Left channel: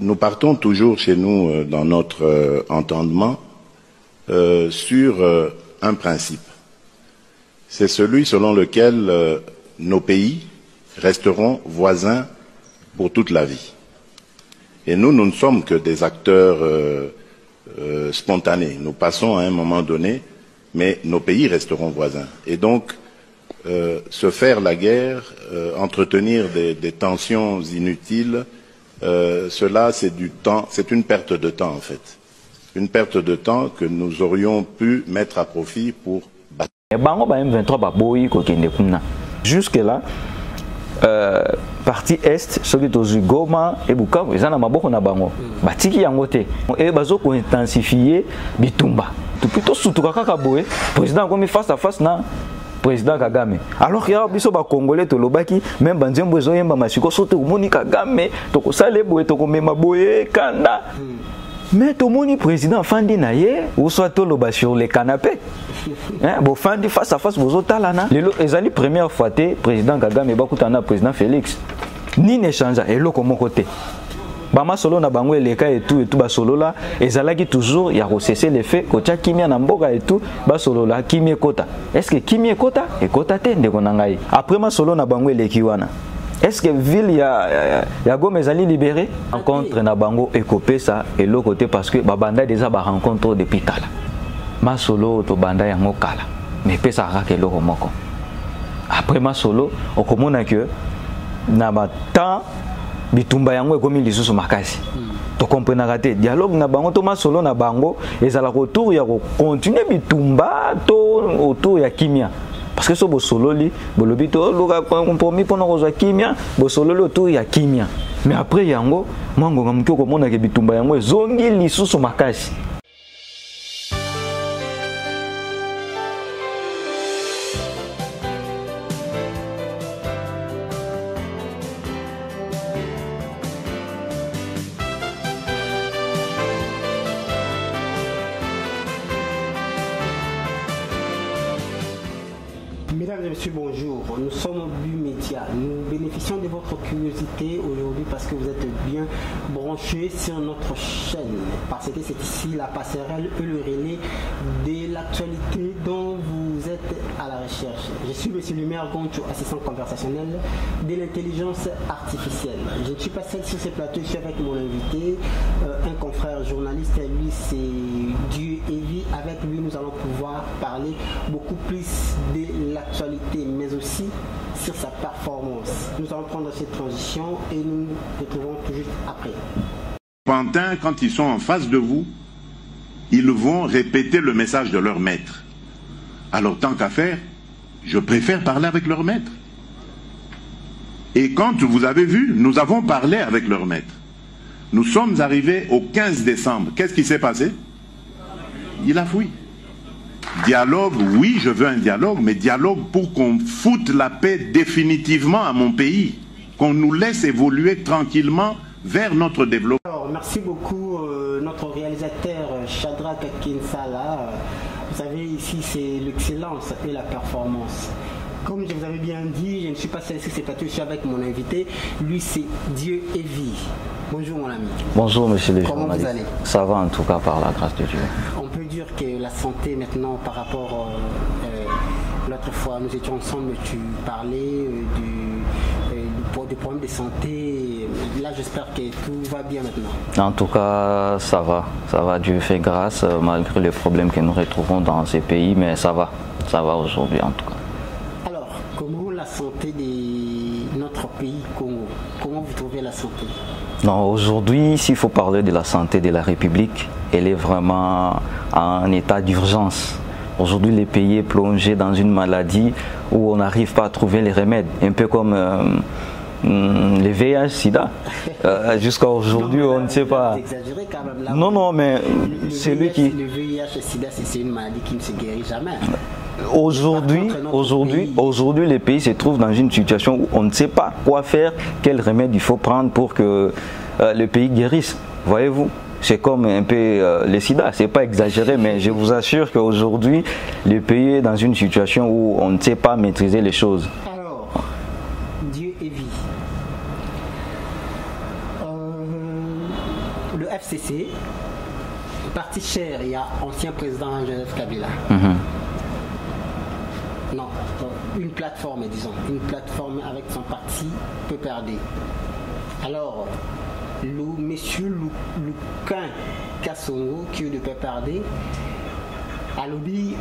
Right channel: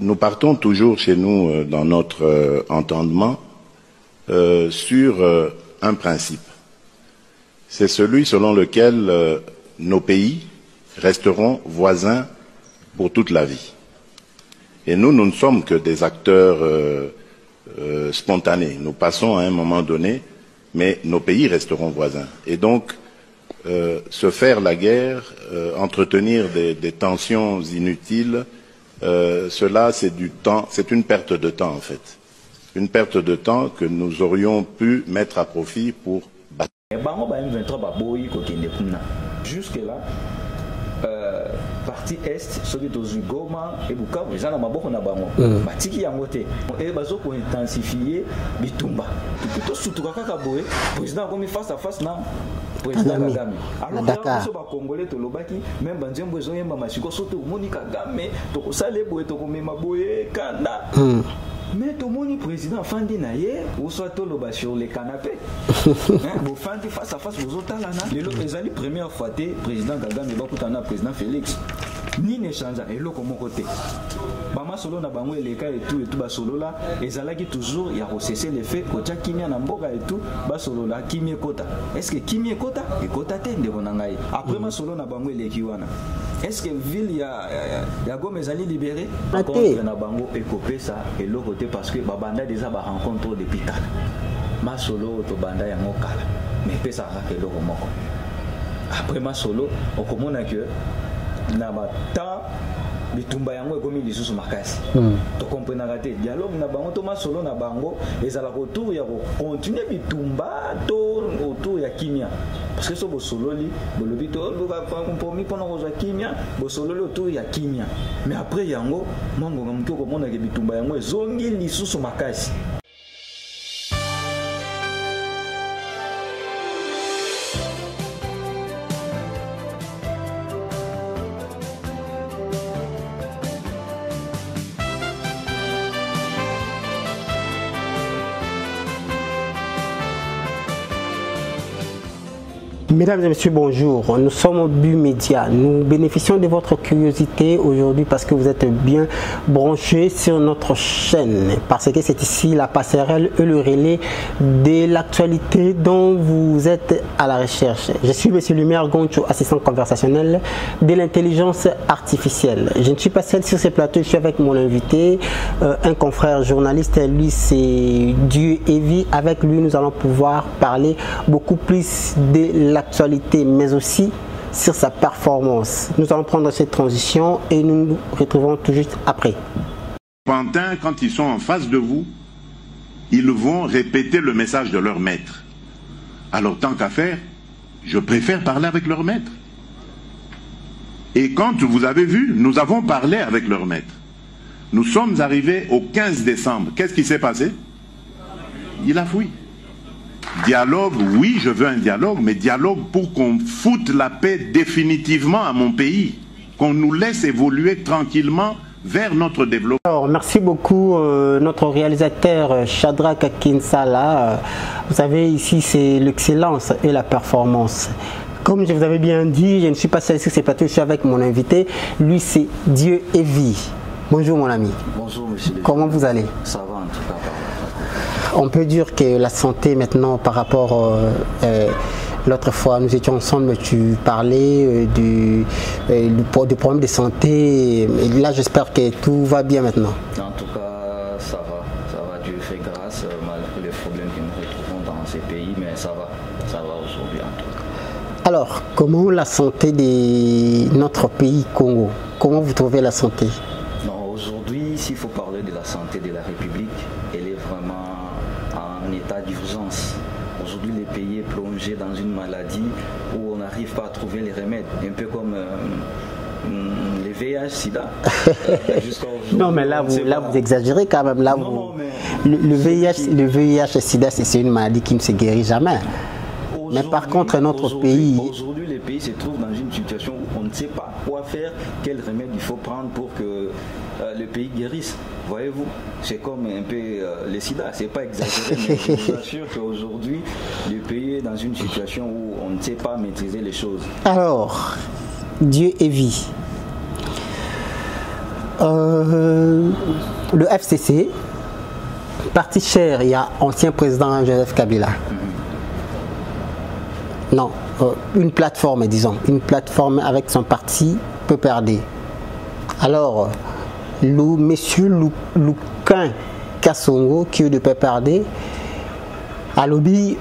Nous partons toujours chez nous dans notre entendement sur un principe. C'est celui selon lequel nos pays resteront voisins pour toute la vie. Et nous ne sommes que des acteurs spontanés. Nous passons à un moment donné, mais nos pays resteront voisins. Et donc, se faire la guerre, entretenir des tensions inutiles, cela c'est du temps, c'est une perte de temps en fait. Une perte de temps que nous aurions pu mettre à profit pour battre. Jusque-là, partie est, ceux qui sont Goma et Bukavu, ils ont beaucoup na bango. Batiki yangote. Et bazo ko intensifier bitumba. Tout plutôt surtout kaka boé, président comme face à face na président Kagame. Alors qu'il y a biso ba Congolais to lobaki, même banzembo zo yemba masiko sote umoni Kagame, to ko sale boé to ko mema boé kanda. Mais tout le monde président Fandi Naye, ou soit tout le bas sur les canapés. Bon, Fandi face à face, vous autres là, les années première fois, président Kagame, Bakutana, président Félix, ni n'échange, et l'autre comme côté. Bama solo na bango les cas et tout bas solo là, et zalaki toujours, il y a recessé les faits, kocha kimia na mboga et tout, bas solo là, kimie kota. Est-ce que kimie kota? Et kota te de konangai. Après ma solo na bango les kiwana. Est-ce que ville ya Goma est libéré? Rencontre na bango et copé ça et l'autre côté parce que babanda déjà ba rencontre depuis tala. Ma solo to banda yango kala. Mais pesa rake l'autre moko. Après ma solo, on comprend que na ba temps bitumba yango ekomi lisusu makasi. To comprendre raté dialogue na bango to ma solo na bango ezala retour ya continuer bitumba to autour ya kimia. Parce que ce solo li, bolobito luka compromis pendant roza kimia, bo solo le autour ya kimia. Mais après yango, mango ngamko ko mona ke bitumba yango zongi lisusu makasi. Mesdames et messieurs, bonjour. Nous sommes au But Média. Nous bénéficions de votre curiosité aujourd'hui parce que vous êtes bien branchés sur notre chaîne. Parce que c'est ici la passerelle et le relais de l'actualité dont vous êtes à la recherche. Je suis M. Lumière Goncho, assistant conversationnel de l'intelligence artificielle. Je ne suis pas seul sur ce plateau, je suis avec mon invité, un confrère journaliste. Lui, c'est Dieu et Vie. Avec lui, nous allons pouvoir parler beaucoup plus de l'actualité, mais aussi sur sa performance. Nous allons prendre cette transition et nous nous retrouvons tout juste après. Pantin, quand ils sont en face de vous, ils vont répéter le message de leur maître. Alors tant qu'à faire, je préfère parler avec leur maître. Et quand vous avez vu, nous avons parlé avec leur maître. Nous sommes arrivés au 15 décembre. Qu'est-ce qui s'est passé? Il a fui. Dialogue, oui, je veux un dialogue, mais dialogue pour qu'on foute la paix définitivement à mon pays, qu'on nous laisse évoluer tranquillement vers notre développement. Alors, merci beaucoup notre réalisateur Shadrach Kinsala. Vous savez, ici c'est l'excellence et la performance. Comme je vous avais bien dit, je ne suis pas seul sur ce plateau, je suis avec mon invité. Lui, c'est Dieu et Vie. Bonjour mon ami. Bonjour monsieur. Comment vous allez? Ça va en tout cas par la grâce de Dieu. On peut dire que la santé maintenant par rapport l'autre fois nous étions ensemble, tu parlais du problème de santé. Et là j'espère que tout va bien maintenant. En tout cas ça va, Dieu fait grâce malgré les problèmes que nous retrouvons dans ces pays, mais ça va aujourd'hui en tout cas. Alors comment la santé de notre pays Congo? Comment vous trouvez la santé? Non, aujourd'hui, s'il faut parler de la santé de la République, elle est vraiment en état d'urgence. Aujourd'hui, le pays est plongé dans une maladie où on n'arrive pas à trouver les remèdes. Un peu comme les VIH-Sida. Jusqu'à aujourd'hui, on ne sait pas. Vous exagérez quand même. Là, non, mais le VIH-Sida, c'est une maladie qui ne se guérit jamais. Aujourd'hui, le pays se trouve dans une situation où on ne sait pas quoi faire, quel remède il faut prendre pour que le pays guérisse. Voyez-vous, c'est comme un peu le sida, c'est pas exagéré, mais je vous assure qu'aujourd'hui, le pays est dans une situation où on ne sait pas maîtriser les choses. Alors, Dieu et Vie. le FCC, parti cher, il y a ancien président Joseph Kabila. Non, une plateforme, disons, une plateforme avec son parti PPRD. Alors, le monsieur Luquin Kassongo, qui est de PPRD, à lobby,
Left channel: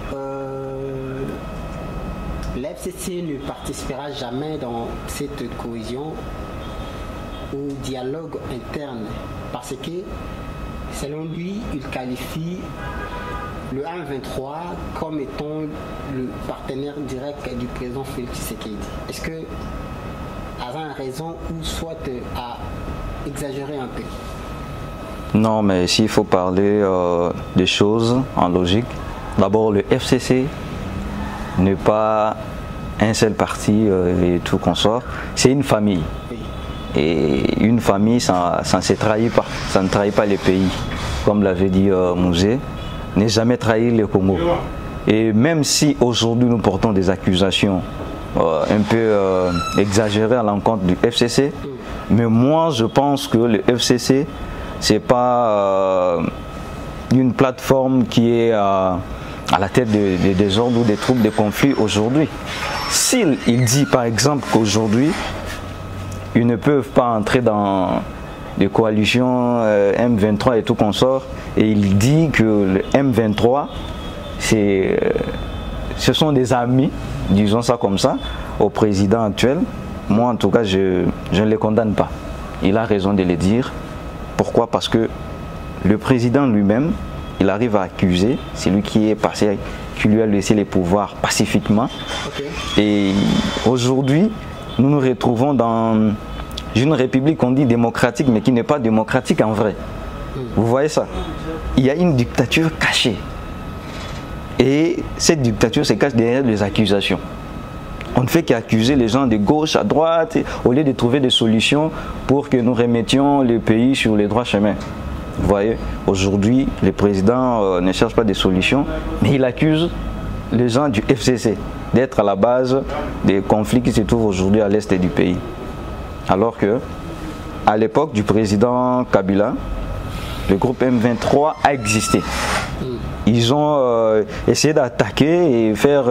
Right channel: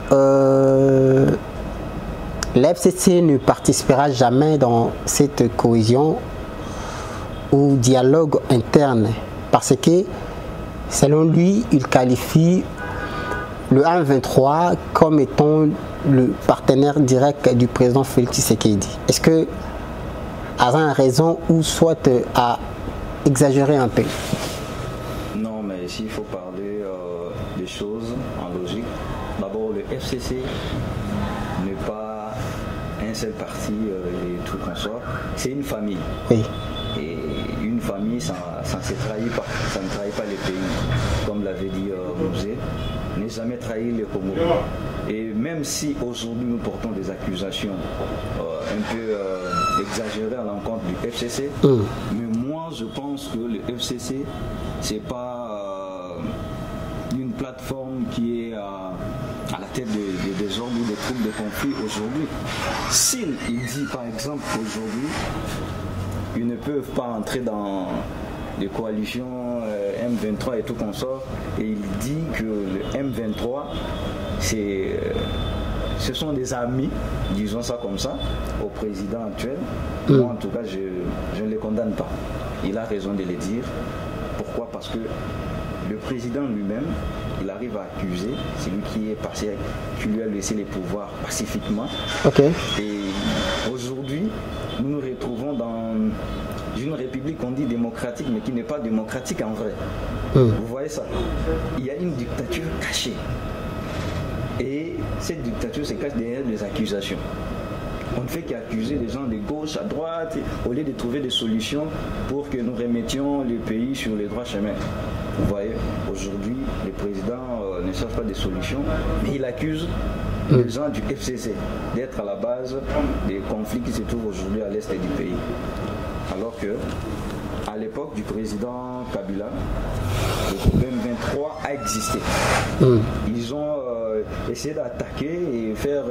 l'FCC ne participera jamais dans cette cohésion ou dialogue interne parce que, selon lui, il qualifie le M23 comme étant le partenaire direct du président Félix Tshisekedi. Est-ce que Azan a raison ou soit à exagérer un peu? Non, mais s'il faut parler des choses en logique, d'abord le FCC n'est pas un seul parti et tout consort, c'est une famille. Oui. Et une famille, ça ne se trahit pas, ça ne trahit pas les pays. Comme l'avait dit Mouzé, n'est jamais trahi le Congo. Et même si aujourd'hui nous portons des accusations un peu exagérées à l'encontre du FCC, mais moi je pense que le FCC, c'est pas une plateforme qui est à la tête des désordres ou des troubles, des conflits aujourd'hui. S'il dit par exemple qu'aujourd'hui, ils ne peuvent pas entrer dans les coalitions M23 et tout consort, et il dit que le M23, ce sont des amis, disons ça comme ça, au président actuel. Moi en tout cas, je ne les condamne pas. Il a raison de le dire. Pourquoi? Parce que le président lui-même, il arrive à accuser, c'est lui qui est passé, qui lui a laissé les pouvoirs pacifiquement. Et aujourd'hui, nous nous retrouvons dans une république qu'on dit démocratique, mais qui n'est pas démocratique en vrai. Vous voyez ça? Il y a une dictature cachée. Et cette dictature se cache derrière les accusations. On ne fait qu'accuser les gens de gauche à droite, au lieu de trouver des solutions pour que nous remettions le pays sur les droits chemins. Vous voyez, aujourd'hui, le président ne cherche pas des solutions, mais il accuse les gens du FCC d'être à la base des conflits qui se trouvent aujourd'hui à l'est du pays. Alors que, à l'époque du président Kabila, le groupe M23 a existé. Ils ont essayé d'attaquer et faire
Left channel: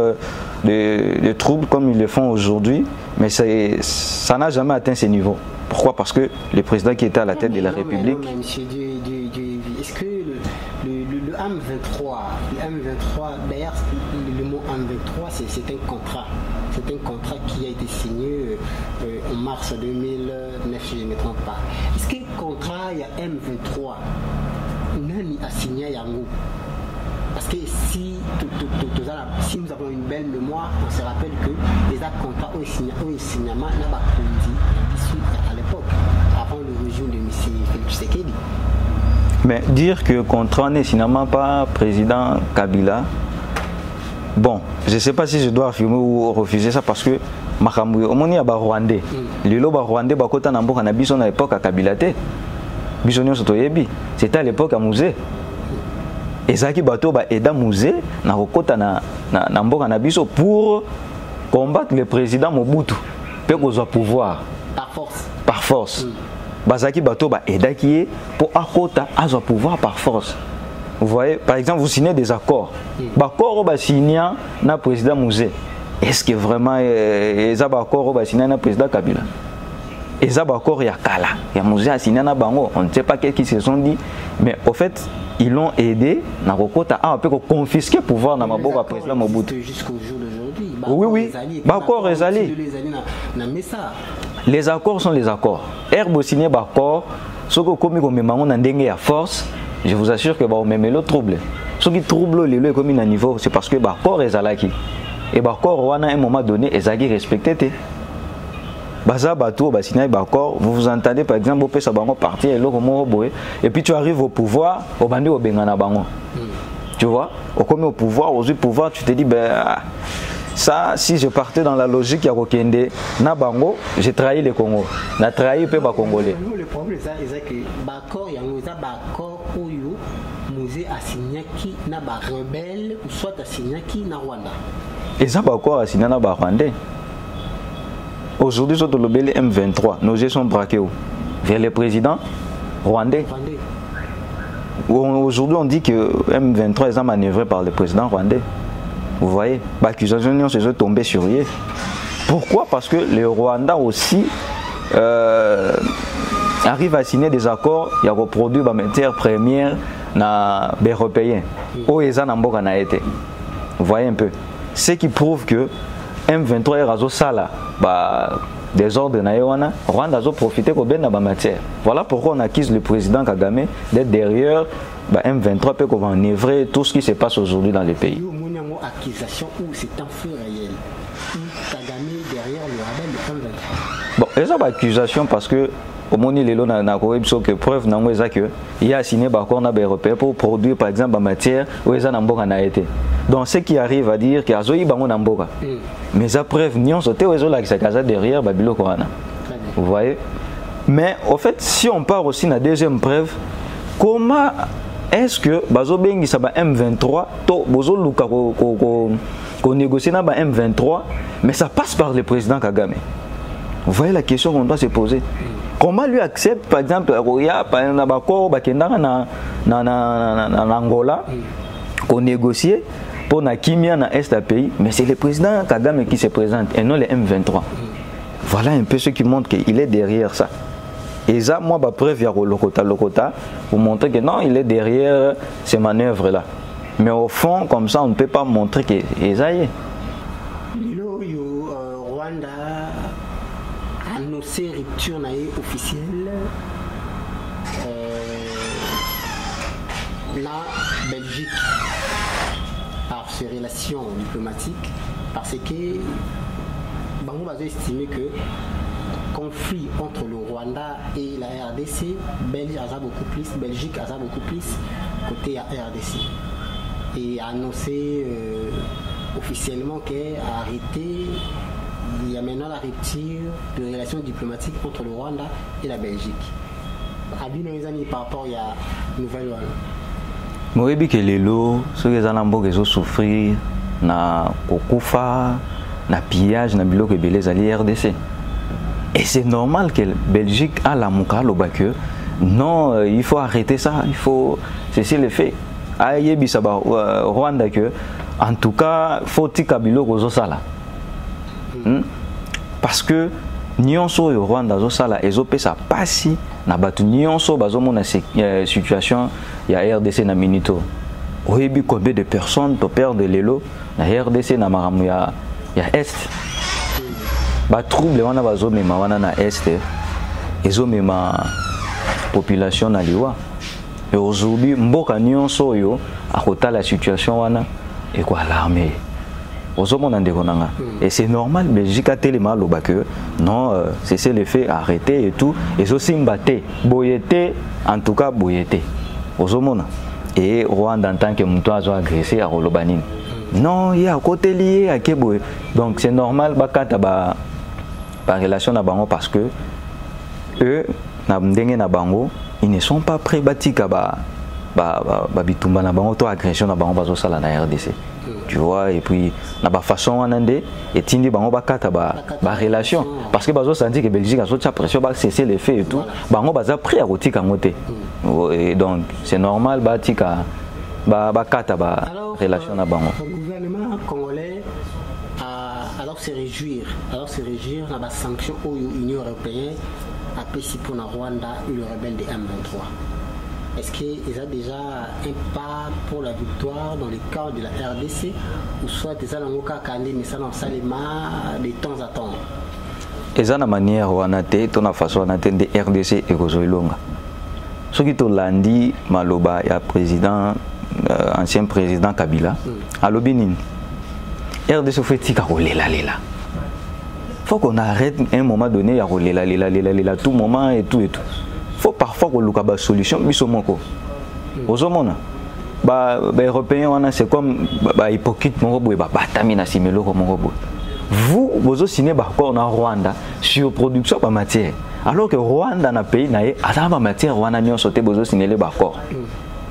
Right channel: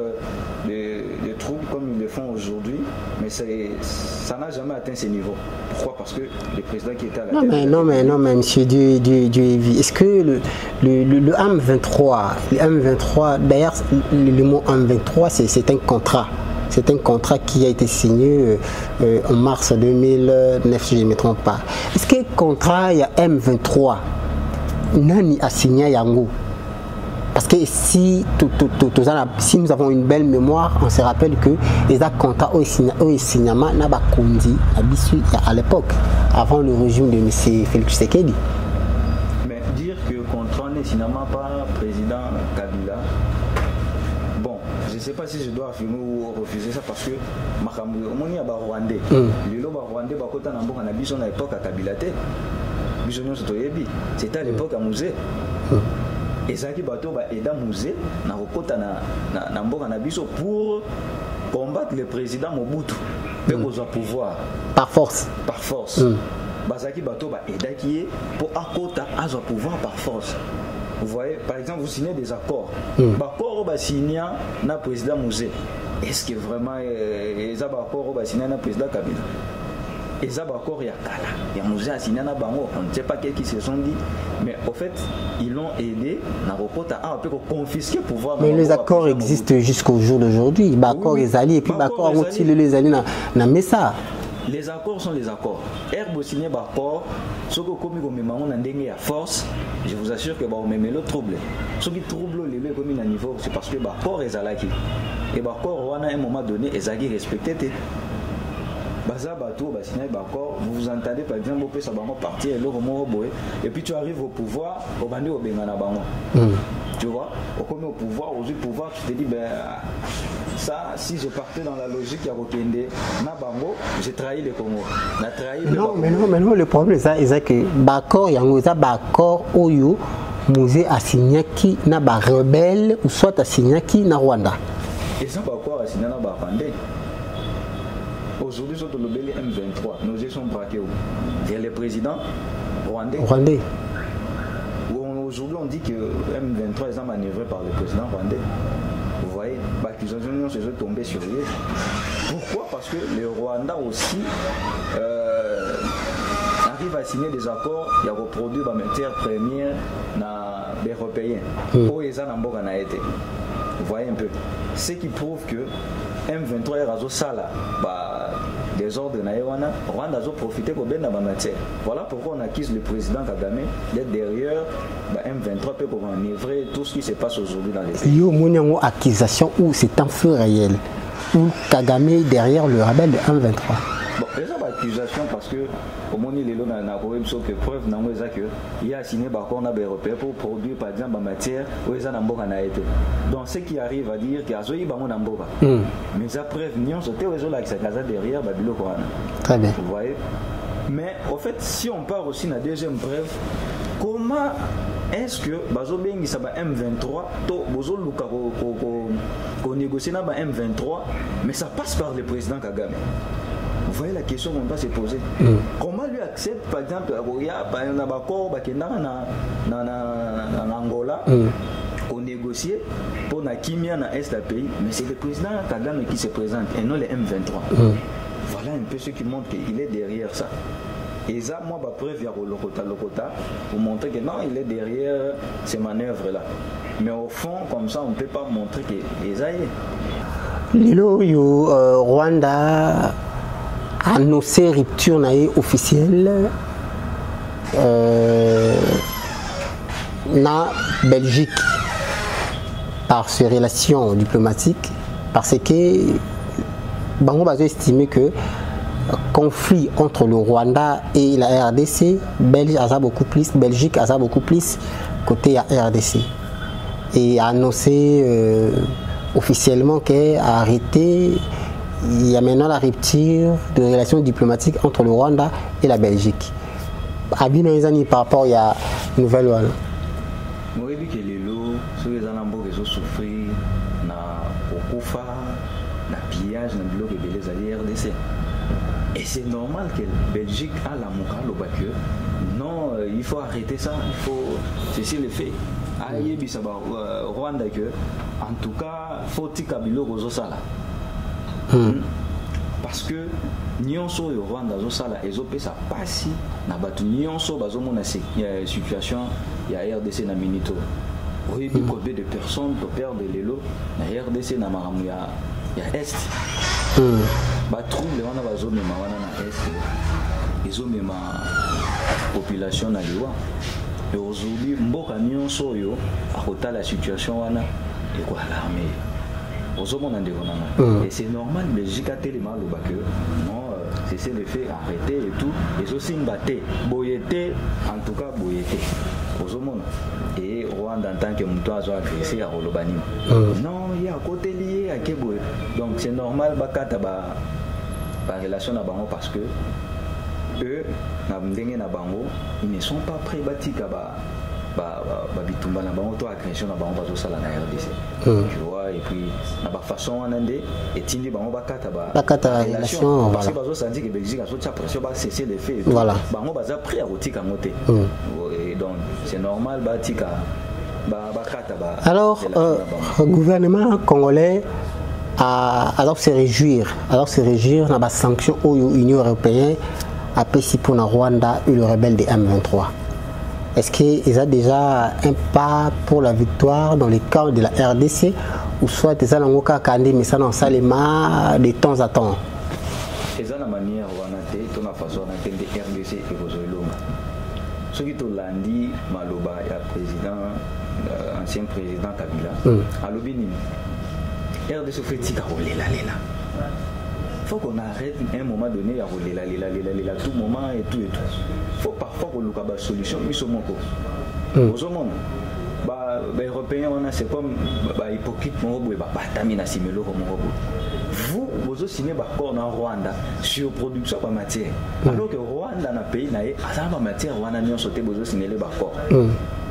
des troubles comme ils le font aujourd'hui, mais ça n'a jamais atteint ces niveaux. Pourquoi? Parce que le président qui était à la tête de la République... Non, mais monsieur Duévi, est-ce que le M23, d'ailleurs le mot M23 c'est un contrat. C'est un contrat qui a été signé en mars 2009, si je ne me trompe pas. Est-ce que le contrat, il y a M23, Nani a signé Yango? Parce que si nous avons une belle mémoire, on se rappelle que les contrats ont signé à l'époque, avant le régime de M. Félix Tshisekedi. Mais dire que le contrat n'est finalement pas président Kabila, bon, je ne sais pas si je dois affirmer ou refuser ça parce que Makambu, au moins il y a des Rwandais. Les Rwandais, à l'époque à Kabila. C'était à l'époque à Mouzé. Et ça qui bateau ba aida Mouzé na rokota na mboka na biso pour combattre le président Mobutu pour qu'on soit pouvoir par force. Par force. Bazaki bateau ba aida qui est pour akota à son pouvoir par force. Vous voyez, par exemple, vous signez des accords. Bakoro ba signé na président Mouzé. Est-ce que vraiment les accords ba signé na président Kabila? Les accords ya kala, ya Mouzé a signé na bango, on ne sait pas qu'est-ce qu'ils se sont dit, mais au fait ils l'ont aidé à confisquer le pouvoir. Mais les accords existent jusqu'au jour d'aujourd'hui. Les accords sont les accords. Herbe signé d'accord, ce que comme on a force, je vous assure que va même le trouble. Ce qui trouble le comme un niveau, c'est parce que l'accord est alaki. Et l'accord à un moment donné est respecté. Vous vous entendez par exemple au partir et puis tu arrives au pouvoir au bandi au bengana bango. Tu vois, au pouvoir, aux pouvoir, tu te dis ben ça, si je partais dans la logique ya Kokende na bango, j'ai trahi le Congo. Na trahi pe ba Congolais. Non, le problème c'est que d'accord yango za d'accord oyo Mouzé a signé qui na ba rebelle ou soit a signé qui na Rwanda. Et ça d'accord a signé na ba Rwandais. Aujourd'hui, sur le M23, nos jeux sont braqués. vers le président rwandais. Aujourd'hui, on dit que M23 est manœuvré par le président rwandais. Vous voyez, l'accusation se sont tombées sur eux. Pourquoi? Parce que le Rwanda aussi arrive à signer des accords, il y a reproduit la matière première na européen. Où ils ont été. Vous voyez un peu. Ce qui prouve que M23 est razo sala des ordres na Rwanda a profité pour bien la matière. Voilà pourquoi on accuse le président Kagame d'être derrière M23 peut enivrer tout ce qui se passe aujourd'hui dans les pays. Il y a une accusation où c'est un fait réel. Où Kagame est derrière le rebelle de M23. Bon, ils ont une accusation parce que au moment où il y a preuve qu'il a signé un accord européen pour produire par exemple la matière où ils ont été. Donc ce qui arrive à dire qu'il y a des gens mais la preuve, nous sommes derrière Babylone. Très bien. Vous voyez? Mais au fait, si on part aussi de la deuxième preuve, comment est-ce que Bazobengi ça M23 qu'on négocie avec M23 mais ça passe par le président Kagame? Vous voyez la question qu'on doit se poser. Comment lui accepte par exemple en Angola qu'on négocie pour la Kimia dans l'Est du pays, mais c'est le président Kagame qui se présente et non le M23. Voilà un peu ce qui montre qu'il est derrière ça. Et ça, moi, je preuve Lokota pour montrer que non, il est derrière ces manœuvres-là. Mais au fond, comme ça, on ne peut pas montrer qu'il ça y est. Lilo, Rwanda a annoncé rupture officielle na Belgique par ses relations diplomatiques parce que Bango Bazo estimé que conflit entre le Rwanda et la RDC, Belgique a beaucoup plus côté RDC et a annoncé officiellement qu'elle a arrêté. Il y a maintenant la rupture de relations diplomatiques entre le Rwanda et la Belgique. Abino Izani par rapport à la nouvelle loi. Moi, je que les lots, ceux qui ont souffert, na kokufa, na pillage, na bilo que beleza ali RDC. Et c'est normal que la Belgique a la mouka que non, il faut arrêter ça, il faut cesser le fait. Aïe bisaba Rwanda que en tout cas faut tikabilo kozo sala. Parce que nyonso au Rwanda zo sala ezope sa pasi na batu nyonso bazomona situation ya RDC na minito. Oyebi combien de personnes to perdre l'élo na RDC na maramu ya est. Ba trouble wana bazomema wana na est ezomema population na liwa. Et aujourd'hui mboka nyonso yo akota la situation wana et quoi l'armée. Et c'est normal, mais j'ai tellement mal au bac non, c'est le fait arrêter et tout. Et aussi mbaté, boyété, en tout cas boyété. Et Rwanda en tant que mouton a agressé à Rolobanine. Non, il y a un côté lié à Keboé. Donc c'est normal, par relation à Bango parce que eux, ils ne sont pas prêts à bitumba na bango to agression na bango bazo sala na RDC. Tu vois, et puis na ba façon wanande et tindi bango bakata ba relation parce que bazo senti que Belgique a sorti pression ba cesser les faits et tout. Bango baza prêt à rotika ngote. Et donc c'est normal ba tika bakata ba relation na bango. Le gouvernement congolais alors se réjouir na ba sanction au Union européenne a payé pour na Rwanda et le rebelle de M23. Est-ce qu'ils ont déjà un pas pour la victoire dans le cadre de la RDC ou soit ils ont mais ça dans Salema de temps à temps? Ils ont une manière où on a été, une façon de RDC et Rozoilonga. Ce qui est lundi, Maloba, il y a président, ancien président Kabila, à l'Obinin. RDC fait tika rolela. Il faut qu'on arrête à un moment donné à rolela tout moment et tout. Faut parfois qu'on ait une solution, mais c'est mon cas. Aux hommes, les Européens, c'est comme les hypocrites, vous, vous signez un accord en Rwanda sur la production de matière. Alors que Rwanda, dans le pays, a une matière, Rwanda a sauté, vous signez les accords.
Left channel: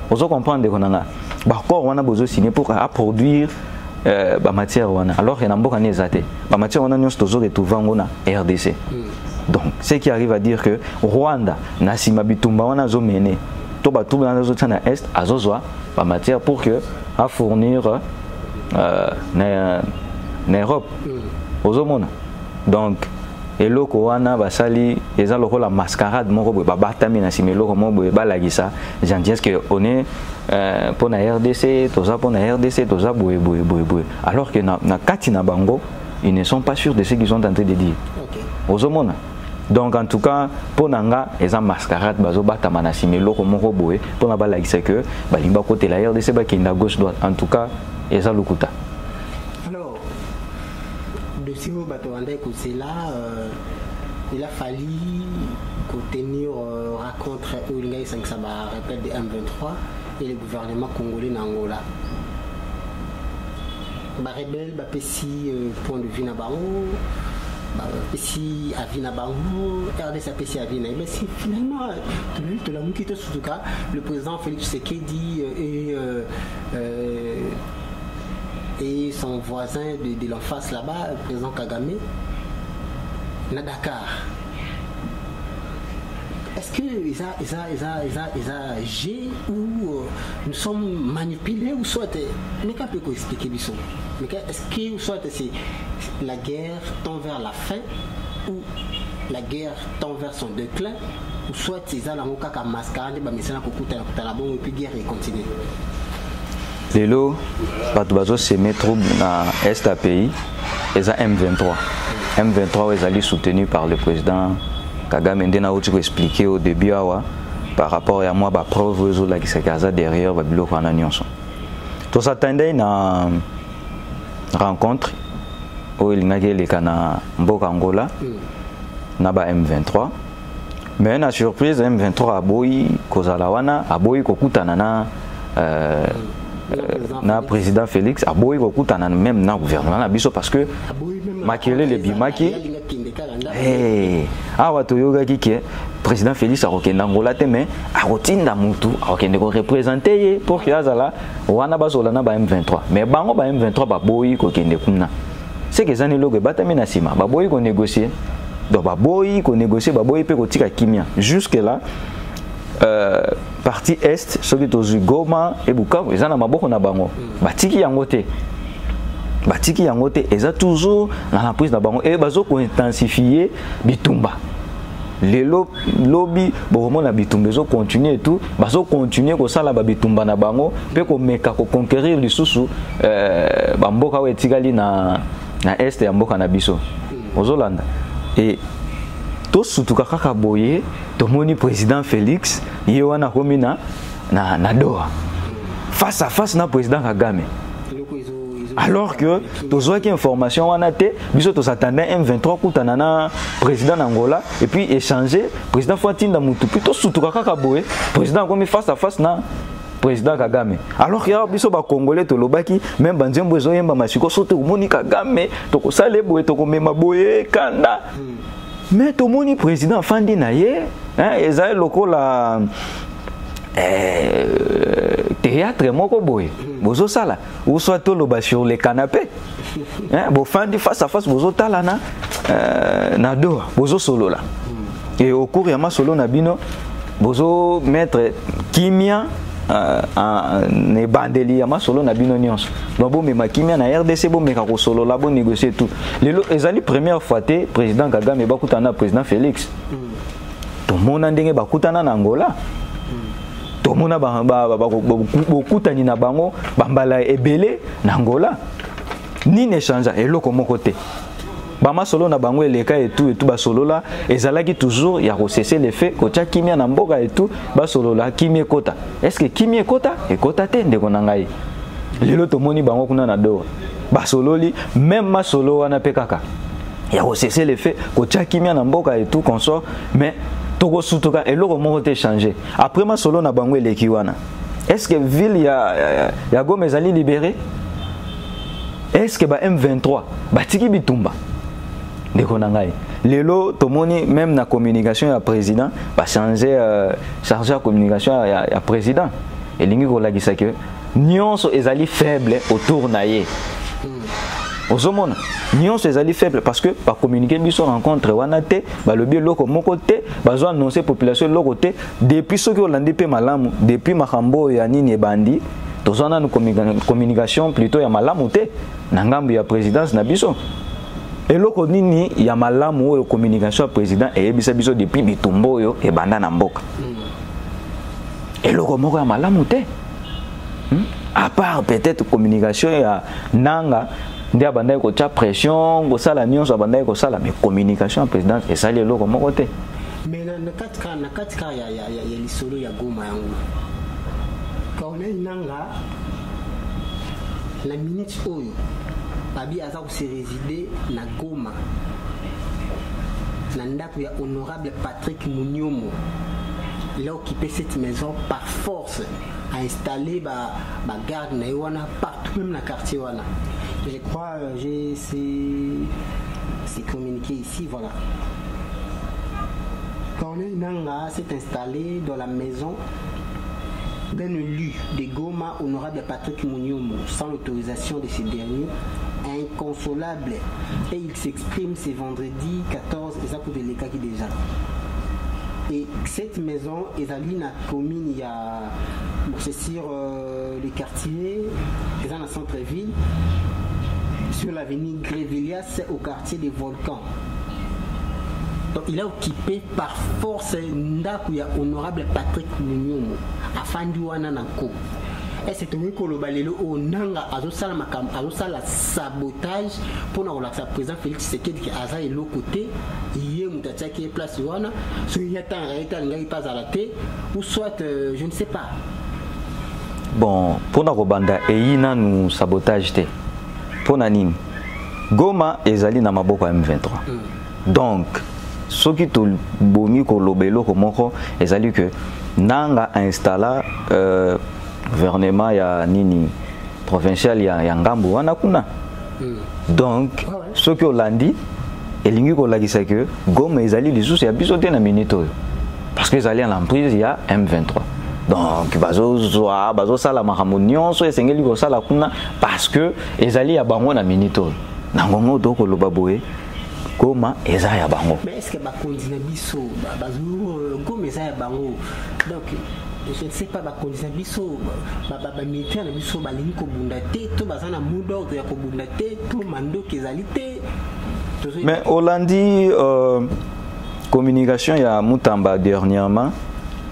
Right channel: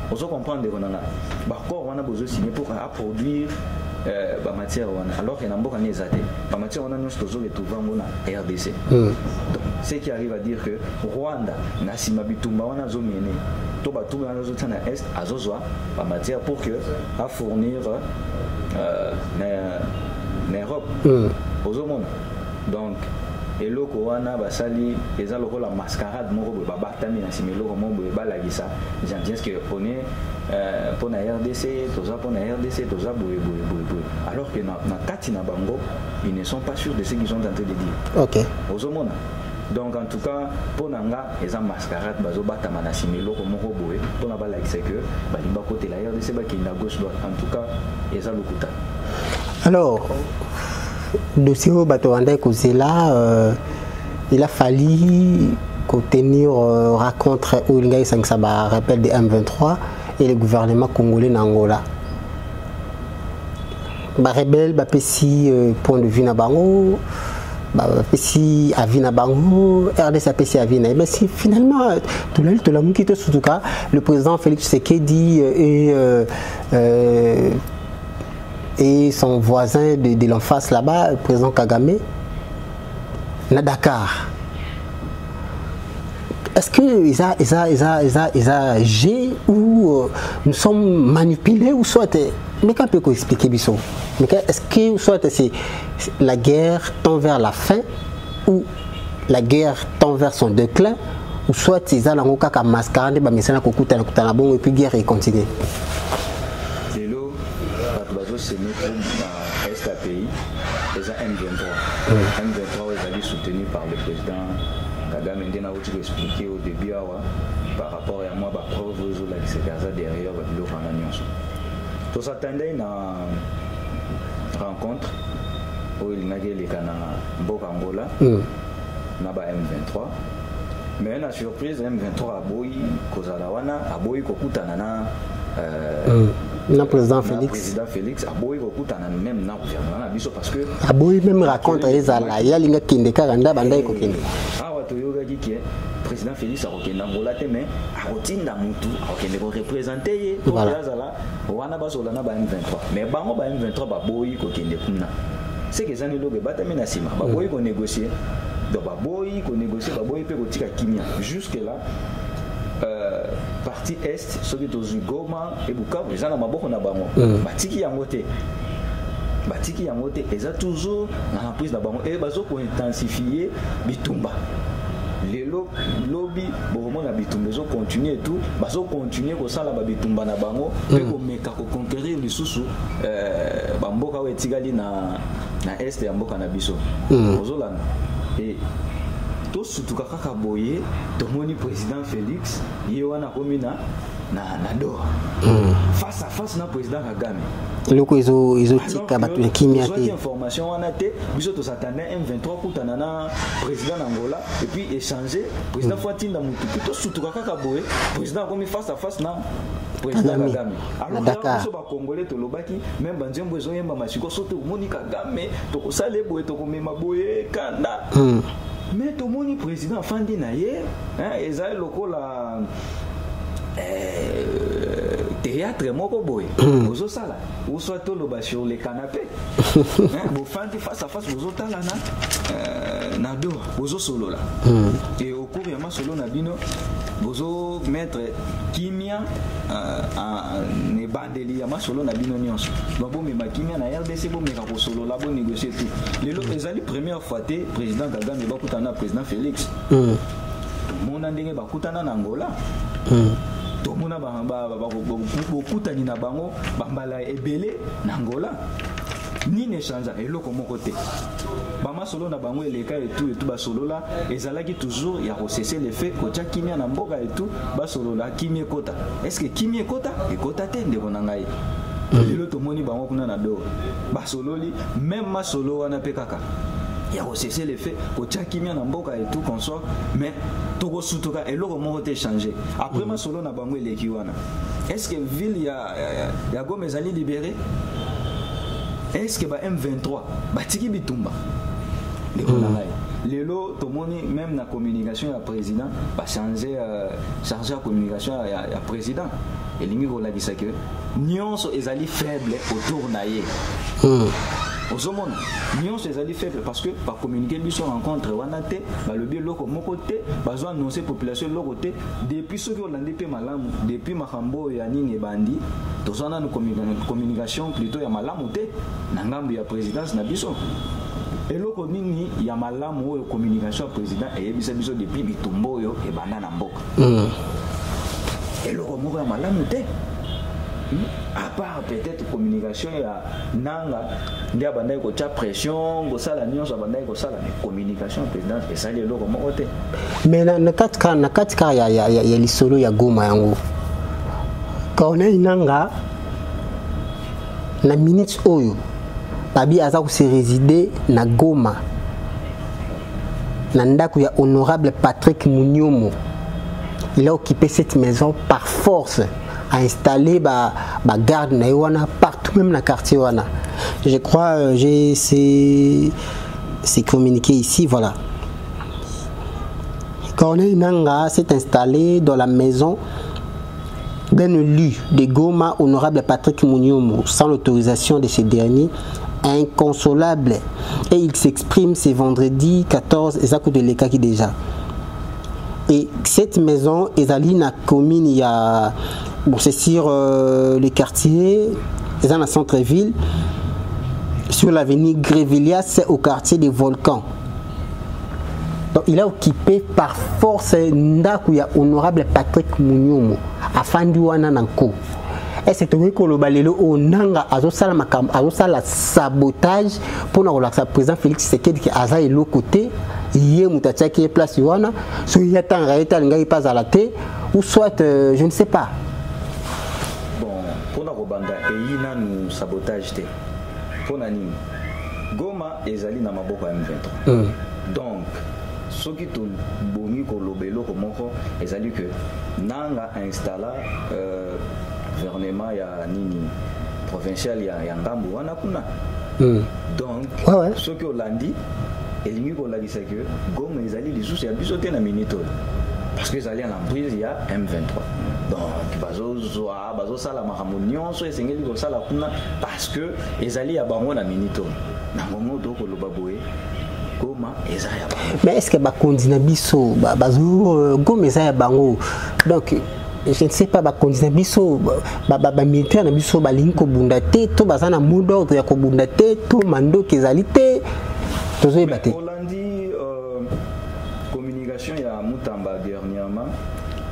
Vous comprenez que l'accord, on a besoin de signer pour produire matière alors que Namboka n'est zaté. La matière on a nous toujours retrouvé na RDC. Donc ce qui arrive à dire que Rwanda na sima bitumba wana zo mené. To ba tout na zo tana est azozwa la matière pour que à fournir na Europe. Ozomona. Donc et loko wana basali eza loko la mascarade moko boye babatami na sima loko moko boye balagisa j'en dis que on est pour la RDC toza pour la RDC toza boye alors que na kati na bango ils ne sont pas sûrs de ce qu'ils sont en train de dire. OK. Ozomona. Donc en tout cas pour nanga eza mascarade bazo batama na sima loko moko boye pour na balagisa que balimba côté la RDC ba kinda gauche droite en tout cas eza lokuta. Alors dossier au Batouanda Kozela, il a fallu tenir rencontre où il y a 5 rappel de M23 et le gouvernement congolais d'Angola. Les rebelles ont point de vue na bango, si Avina Bango, RDC APC Avina. Mais si finalement, tout le monde qui était sous tout cas, le président Félix Tshisekedi et son voisin de l'en face là-bas, le président Kagame, à Dakar. Est-ce qu'ils ont agi ou nous sommes manipulés ou soit mais qu'est-ce qu'on peut expliquer Bissot? Mais est-ce que soit c'est la guerre tend vers la fin ou la guerre tend vers son déclin ou soit ils ont un cas mascarade bah mais c'est là qu'on coûte un bon et puis guerre et continue. Lelo, Batubazo se met trouble dans Est pays, ils ont M23. M23 ils allaient soutenus par le président Kagame. Ndena où tu peux expliquer au début par rapport à moi, preuve qui se casse derrière Babilo Fananion. Tout s'attendait à une rencontre où il y a les Kana Mboka Angola, Naba M23. Mais la surprise, M23 a boy, Kozalawana, a boy Kokutanana. Le président Félix a beau beaucoup même dans le gouvernement parce que a beau même raconter président Félix a reconnu Angola mais a retenu Mutu a reconnu représenter pour que azala wana basolana ba M23 mais bango ba M23 ba boyi ko kende kuna c'est que zani logo batami na sima ba boyi ko négocier donc ba boyi ko négocier ba boyi pe ko tika kimia jusque là partie est soki tozu Goma et Bukavu eza na maboko na bango batiki yango te eza toujours na la prise na bango et bazo ko intensifier bitumba lelo lobby bomo na bitumba zo continuer et tout bazo continuer ko sala ba bitumba na bango pe ko meka ko conquérir lisusu bamboka wetikali na est ya mboka na biso ozolanda et tout surtout kaka boye tomoni président Félix yewana komina na Doha face à face na président Kagame alors que nous avons information on a été biso to s'attendait M23 kutana na président Angola et puis échanger président Fatinda Mutu plutôt surtout kaka boye président comme face à face na président Kagame alors que biso ba congolais to lobaki même banzembo zo yemba masiko sote omoni Kagame to ko sale boye to ko mema boye kanda mais tout le monde président Fandi Naye, ils ont local théâtre moko boy, bozo sala, ou soit tout le bas sur les canapés, bon Fandi face à face bozo tala na Doha, bozo solo là, et au cours yama solo na bino, bozo mettre kimia ne bandeli ya masolo na bino nyonso donc bo mema kimia na RDC bo meka ko solo la bo négocier tout lelo ezali première fois te président Kagame bakutana président Félix to mona ndenge bakutana na Angola to mona bakutani na bango bambala ebele na Angola ni ne change eloko moko te bama solo na bango eleka et tout ba solo là ezalaki toujours ya ko cesser les faits ko tia kimia na mboka et tout ba solo là kimia kota est-ce que kimia kota e kota te ndeko na ngai lelo to moni bango kuna na Doha ba solo li même ma solo wana pe kaka ya ko cesser les faits ko tia kimia na mboka et tout consort mais toko sutuka eloko moko te changer après ma solo na bango eleki wana est-ce que ville ya Goma ezali libéré est-ce que ba M23 batiki bitumba Lelo, tomoni même na communication ya président, va changer la communication ya président. Et l'ingi ko lagisa que nyonso ezali faible autour naie. Osomona, nyonso ezali faible parce que par communiquer biso rencontre wana te, ba lobi loko moko te, bazo annoncer population loko te depuis ce que olandi pe malamu, depuis makambo ya nini ebandi, tozana no communication plutôt ya malamu te na ngambo ya présidence na biso. Eloko nini ya malamu oyo communication ya président eyebisa biso depuis bitumbo oyo ebanda na mboka. Eloko moko ya malamu te. À part peut-être communication ya nanga ndia bandai ko cha pression ko sala nyonso bandai ko sala mais communication en président et ça lelo ko moko te mais na katika ya lisolo ya Goma yango kaona inanga na minute oyo babi aza ko se résider na Goma na ndako ya honorable Patrick Munyomo. Il a occupé cette maison par force, a installé ba garde na wana partout, même dans le quartier wana. Je crois j'ai c'est communiqué ici, voilà. Corneille Nanga s'est installé dans la maison d'un élu de Goma, honorable Patrick Munyomo, sans l'autorisation de ce dernier, inconsolable. Et il s'exprime ce vendredi 14, exact de l'Ekaki déjà. Et cette maison, Ezaline commune, il y a, bon, c'est sur le quartier, c'est dans le centre-ville, sur l'avenue Grévillias, au quartier des Volcans. Donc, il a occupé par force Ndakuya honorable Patrick Munyomo, à Fanduana Nanko. Et c'est vrai que le balelo au Nanga a la sabotage pour nous relaxer. Le président Félix Tshisekedi qui a été l'autre côté. Hier, Moutatia qui est place Wana, soit il y a tant de pas à la tête, ou soit je ne sais pas. Bon, pour nous rebanda et il y a nous sabotage te. Pour nous Goma ezali na maboko M23. Donc, ce qui tout bomi ko lobelo ko moko ezali que Nanga a installé gouvernement ya nini provincial ya Ngambu wana kuna. Donc, ce que Hollandi elingi ko lagisa que Goma ezali lisusu ya biso te na minute parce que ezali à l'emprise ya M23. Donc bazo sala makambo nyonso esengeli ko sala kuna parce que ezali ya bango na minute nangongo to ko loba boye Goma eza ya bango. Mais est-ce que ba kondina biso bazo Goma eza ya bango. Donc je ne sais pas ba kondina biso ba militaire na biso ba lingi ko bunda te to bazana mot d'ordre ya ko bunda te to mando kezali te. Mais Hollandi communication ya Mutamba dernièrement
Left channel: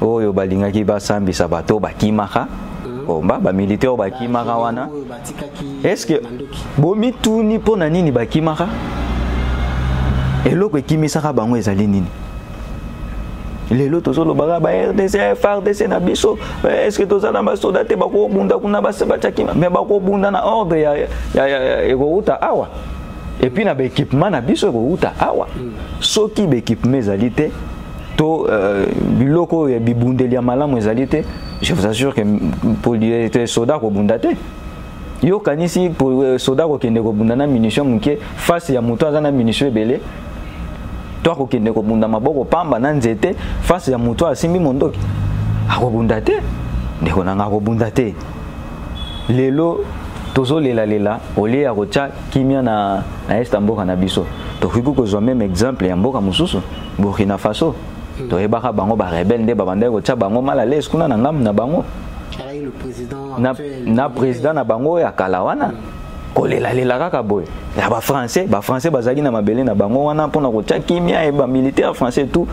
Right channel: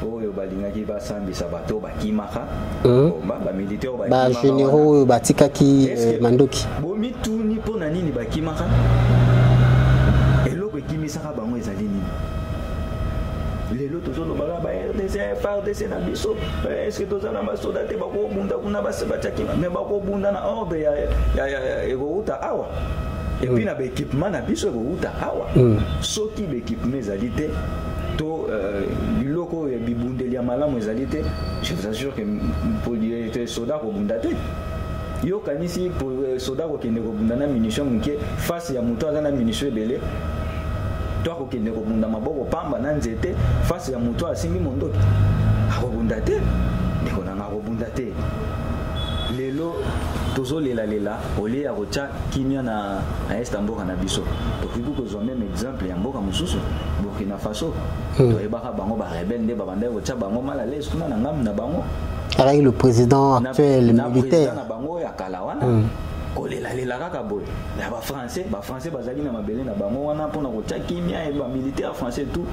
oyo balingaki basambisa bato bakimaka bomba ba militaire bakimaka wana batikaki mandoki bomituni pona nini bakimaka eloko ekimisaka bango ezali nini lelo tozolo baga ba RDC FARDC na biso est-ce que tozana ba soda te bako bunda kuna basebachakima mais bako bunda na ordre ya egouta awa. Et puis, na équipement na biso ko awa. Soki be équipement ezalité to biloko ya bibundeli ya malamu ezalité, je vous assure que pour les soldats ko bundate. Yo kanisi pour soldats ko kende ko bundana munition muke face ya moto azana munition ebele. To ko kende ko bunda maboko pamba na nzete face ya moto asimbi mondoki. Ako bundate. Ndeko nanga ko bundate. Lelo tozo lela olie ya kocha kimia na est mboka na biso to kuku ko même exemple ya mboka mususu Burkina Faso to ebaka bango ba rebelle nde babanda kocha bango mala les kuna na ngam na bango arayi le président actuel na président na bango ya kalawana ko lela kaka boy ya ba français bazali na mabele na bango wana pona kocha kimia e ba militaire français tout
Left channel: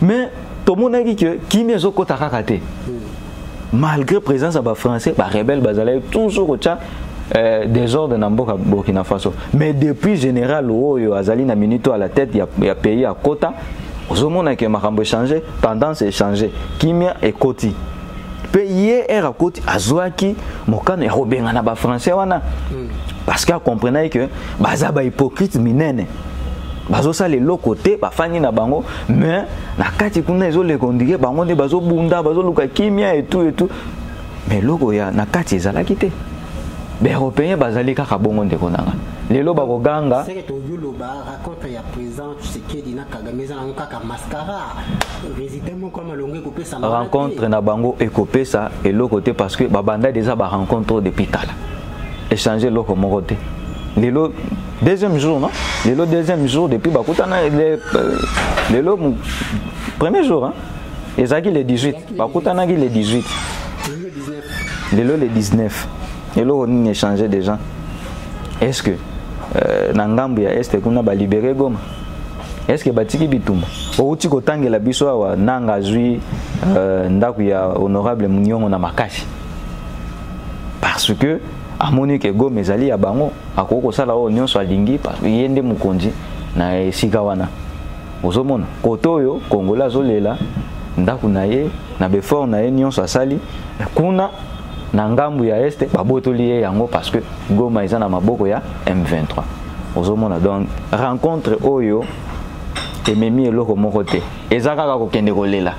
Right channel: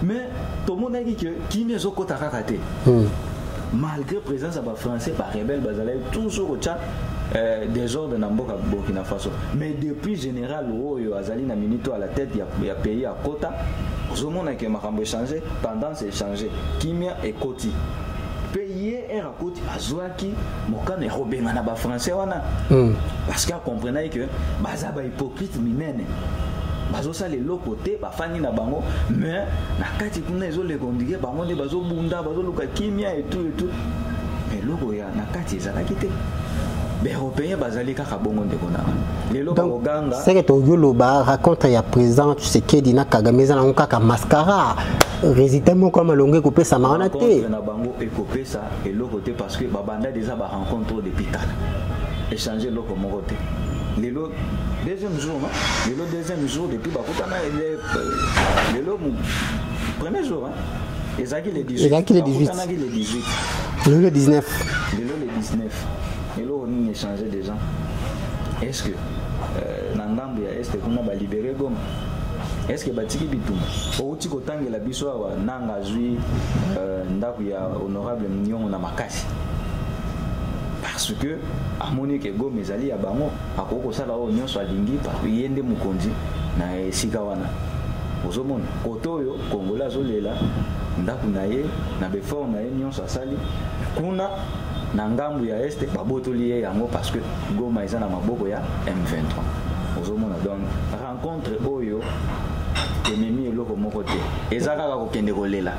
mais to monaki que kimia zo kota kaka te. Malgré présence à français, les rebelles bazalaient toujours au désordre dans Burkina Faso. Mais depuis général Oyo Azali na minito à la tête, il y a pays à quota. Au moment que Makambo changé, tendance est changée. Kimia et Koti. Pays est à Koti, Azouaki, Mokan et Robin na ba français wana. Parce qu'on comprenait que bazaba hypocrite minene. Bazo sa le côté ba fani na bango mais na kati kuna ezo le kondige bango ne bazo bunda bazo luka kimia et tout mais loko ya na kati ezala kité be européen bazali kaka bongo ndeko nanga lelo ba koganga c'est que to yolo ba raconte ya président Tshisekedi na Kagame za na kaka mascara résultat mon comme longue ko pesa na rencontre na bango et ko pesa et le côté parce que ba banda déjà ba rencontre depuis tala et échanger l'eau comme côté. Le deuxième jour, non? Le deuxième jour, depuis le premier jour, hein? Ezaki le 18. Bakoutana le 18. Le 19. Le 19. Et là, on a échangé des gens. Est-ce que Nangambu ya Est qu'on a libéré Goma? Est-ce que Batiki Bitumba? Au Tiko Tangue la Biswa, Nanga Zui, Ndaku ya honorable Mounion na Makashi. Parce que, à Monique Goma Zali à Bango, à Koko Sala Union soit Lingi, parce qu'il y a des Mukonji, na Sikawana. Ozomon, Kotoyo, Kongola Zolela, Ndaku naye, na Befor naye, Nyon soit Sali, Kuna. Nangambu ya Este babotoli yango parce que Goma eza na maboko ya M23. Ozomona donc rencontre oyo ememi eloko moko te. Ezaka ka kokende kolela.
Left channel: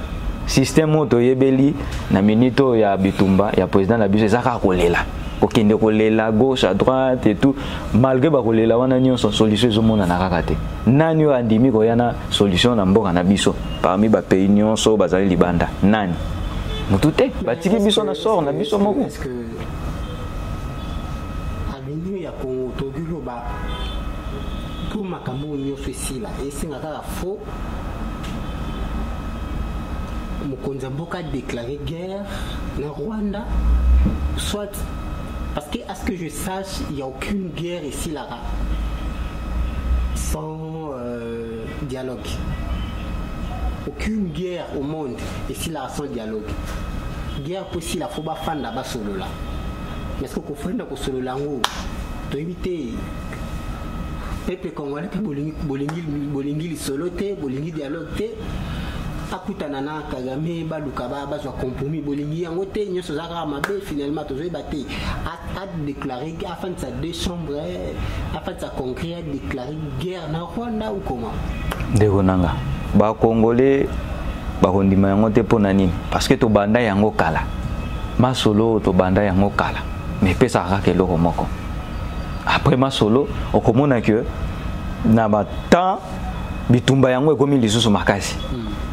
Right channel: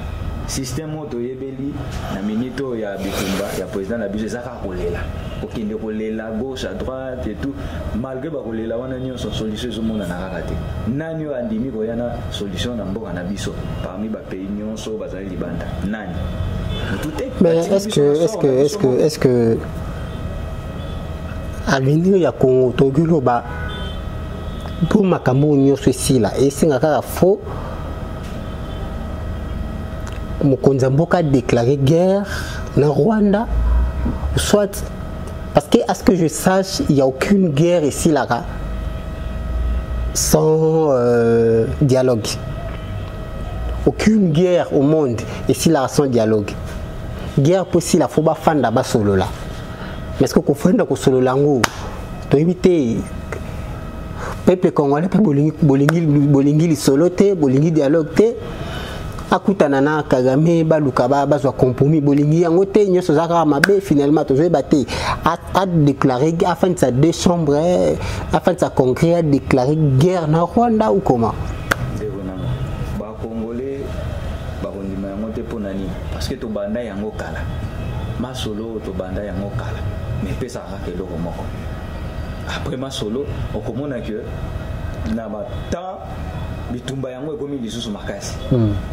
Système moto yebeli na minito ya Bitumba ya président na biso ezaka kolela. Kokende kolela gauche à droite et tout malgré ba kolela wana nyonso solution ezomona na kaka te. Nani yo andimi ko yana solution na mboka na biso parmi ba pays nyonso bazali libanda. Nani? Mais est-ce que à l'union ya Congo Togulo ba pour makambo nyo ceci là et c'est ngaka faux Mokonza Mboka déclaré guerre dans Rwanda soit parce que à ce que je sache il n'y a aucune guerre ici là sans dialogue. Aucune guerre au monde ici là sans dialogue. Guerre possible, la foba fanda ba solo là. Mais est-ce que qu'on fait dans solo lango? To éviter peuple congolais pe bolingi solo te, bolingi dialogue te. Akutana na Kagame baluka ba zo compromis bolingi yango te nyoso zaka mabe finalement to zo baté a déclaré afin de sa deux chambres afin de sa congrès a déclaré guerre na Rwanda ou comment? Degonanga. Ba Congolais bakondima yango te pona nini parce que to banda yango kala masolo to banda yango kala mais pesa ka eloko moko après masolo okomona que na ba temps bitumba yango ekomi lisusu makasi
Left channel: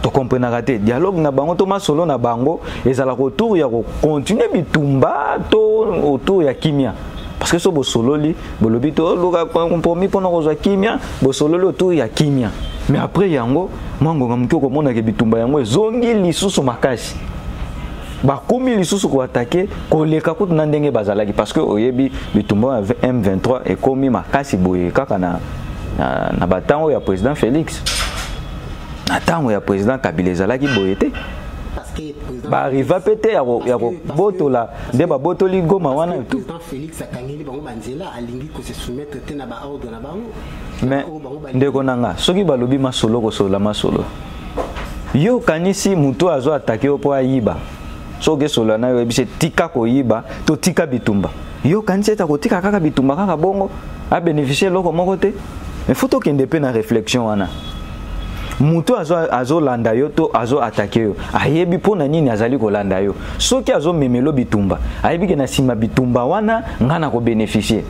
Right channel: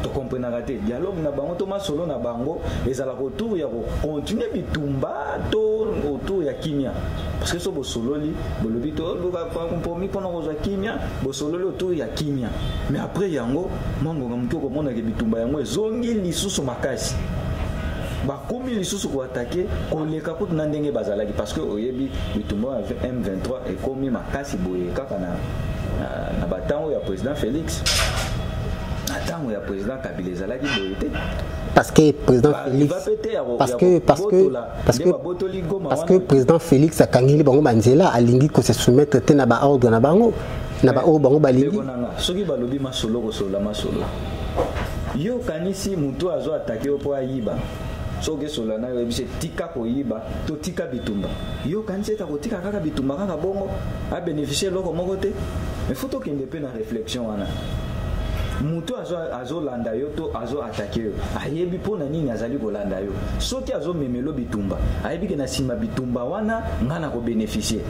to comprendre te dialogue na bango to masolo na bango ezala ko tour ya ko continuer bitumba to autour ya kimia parce que so bo sololi bolobi to luka compromis pona ko zo kimia bo sololi autour ya kimia. Mais après yango mango ngamko ko mona ke bitumba yango zongi lisusu makasi ba komi lisusu ko attaquer ko leka ko na ndenge bazalaki parce que oyebi bitumba M23 et komi makasi boye kaka na batango ya président Félix na tango ya président Kabila ezalaki boye te parce que président arriva pété ya botola de ba botoli Goma wana parce que président Félix akangeli bango banzela alingi ko se soumettre te na ba ordre na bango. Ndeko nanga soki balobi masolo ko sola masolo yo kanisi muto azo attaquer po ayiba soki sola na yo bise tika ko yiba to tika bitumba yo kanisi ta ko tika kaka bitumba kaka bongo a bénéficier loko moko te mais faut to kende pe na réflexion wana muto azo landa yo to azo attaquer yo ayebi po na nini azali ko landa yo soki azo memelo bitumba ayebi ke na sima bitumba wana ngana ko bénéficier.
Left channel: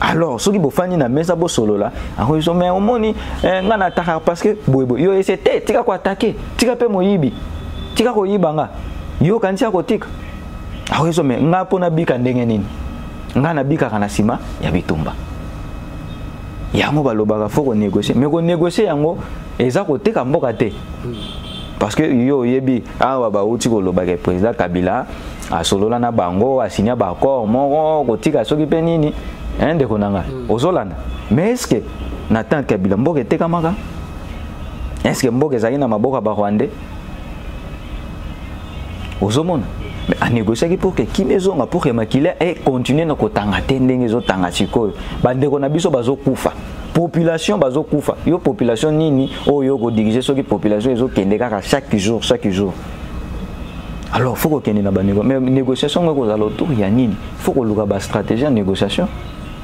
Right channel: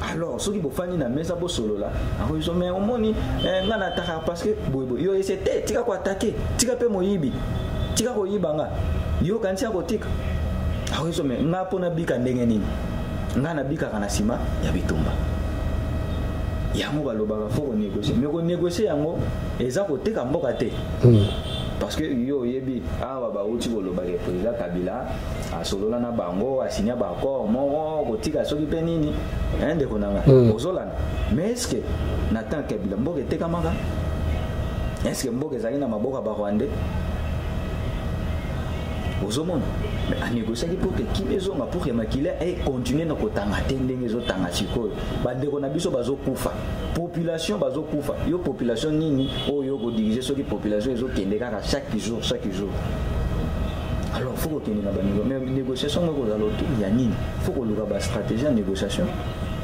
Alors, ceux qui bofani na mesa bo solo là, ako iso mais omoni ngana attaquer parce que boybo yo essayer tika ko attaquer, tika pe moyibi. Tika ko yiba nga. Yo kantia ko tika. Ako iso mais nga pona bika ndenge nini. Ngana bika kana sima ya bitumba. Yango balobaka faut qu'on négocier, mais qu'on négocier yango eza ko teka mboka te. Parce que yo yebi awa ba uti ko lobaka président Kabila a solola na bango a signer ba accord moko ko tika soki pe nini. De konanga ozolanda mais est-ce que Nathan Kabila mboka etekamaka est-ce que mboka ezali na maboka ba Rwandais ozomona mais a négocier pour que kimezonga pour que makila et continuer na kotanga te ndenge ezotanga sikoyo bandeko na biso bazokufa population bazokufa yo population nini oyo ko diriger soki population ezokende kaka chaque jour. Alors faut qu'on ait une négociation autour ya nini faut qu'on ait une stratégie en négociation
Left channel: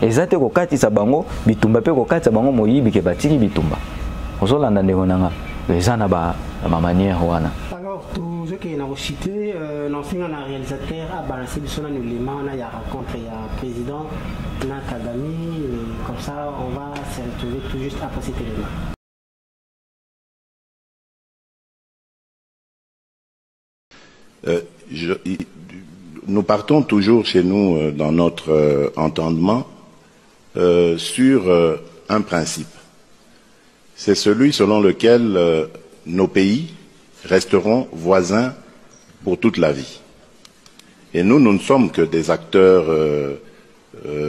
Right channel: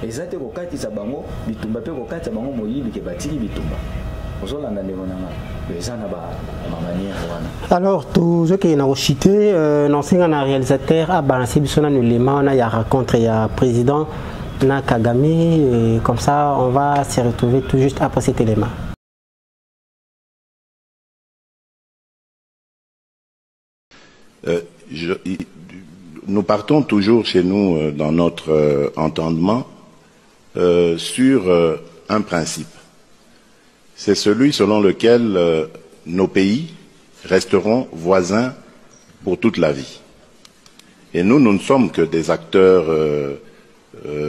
ezate ko katisa bango bitumba pe ko katisa bango moyibi ke batiki bitumba ozolanda ndeko nanga ezana ba manière wana. Alors tout ce qui est na cité l'ancien réalisateur a balancé bisona no lema na ya rencontre ya président na Kagame et comme ça on va se retrouver tout juste après cet élément. nous partons toujours chez nous dans notre entendement sur un principe. C'est celui selon lequel nos pays resteront voisins pour toute la vie. Et nous ne sommes que des acteurs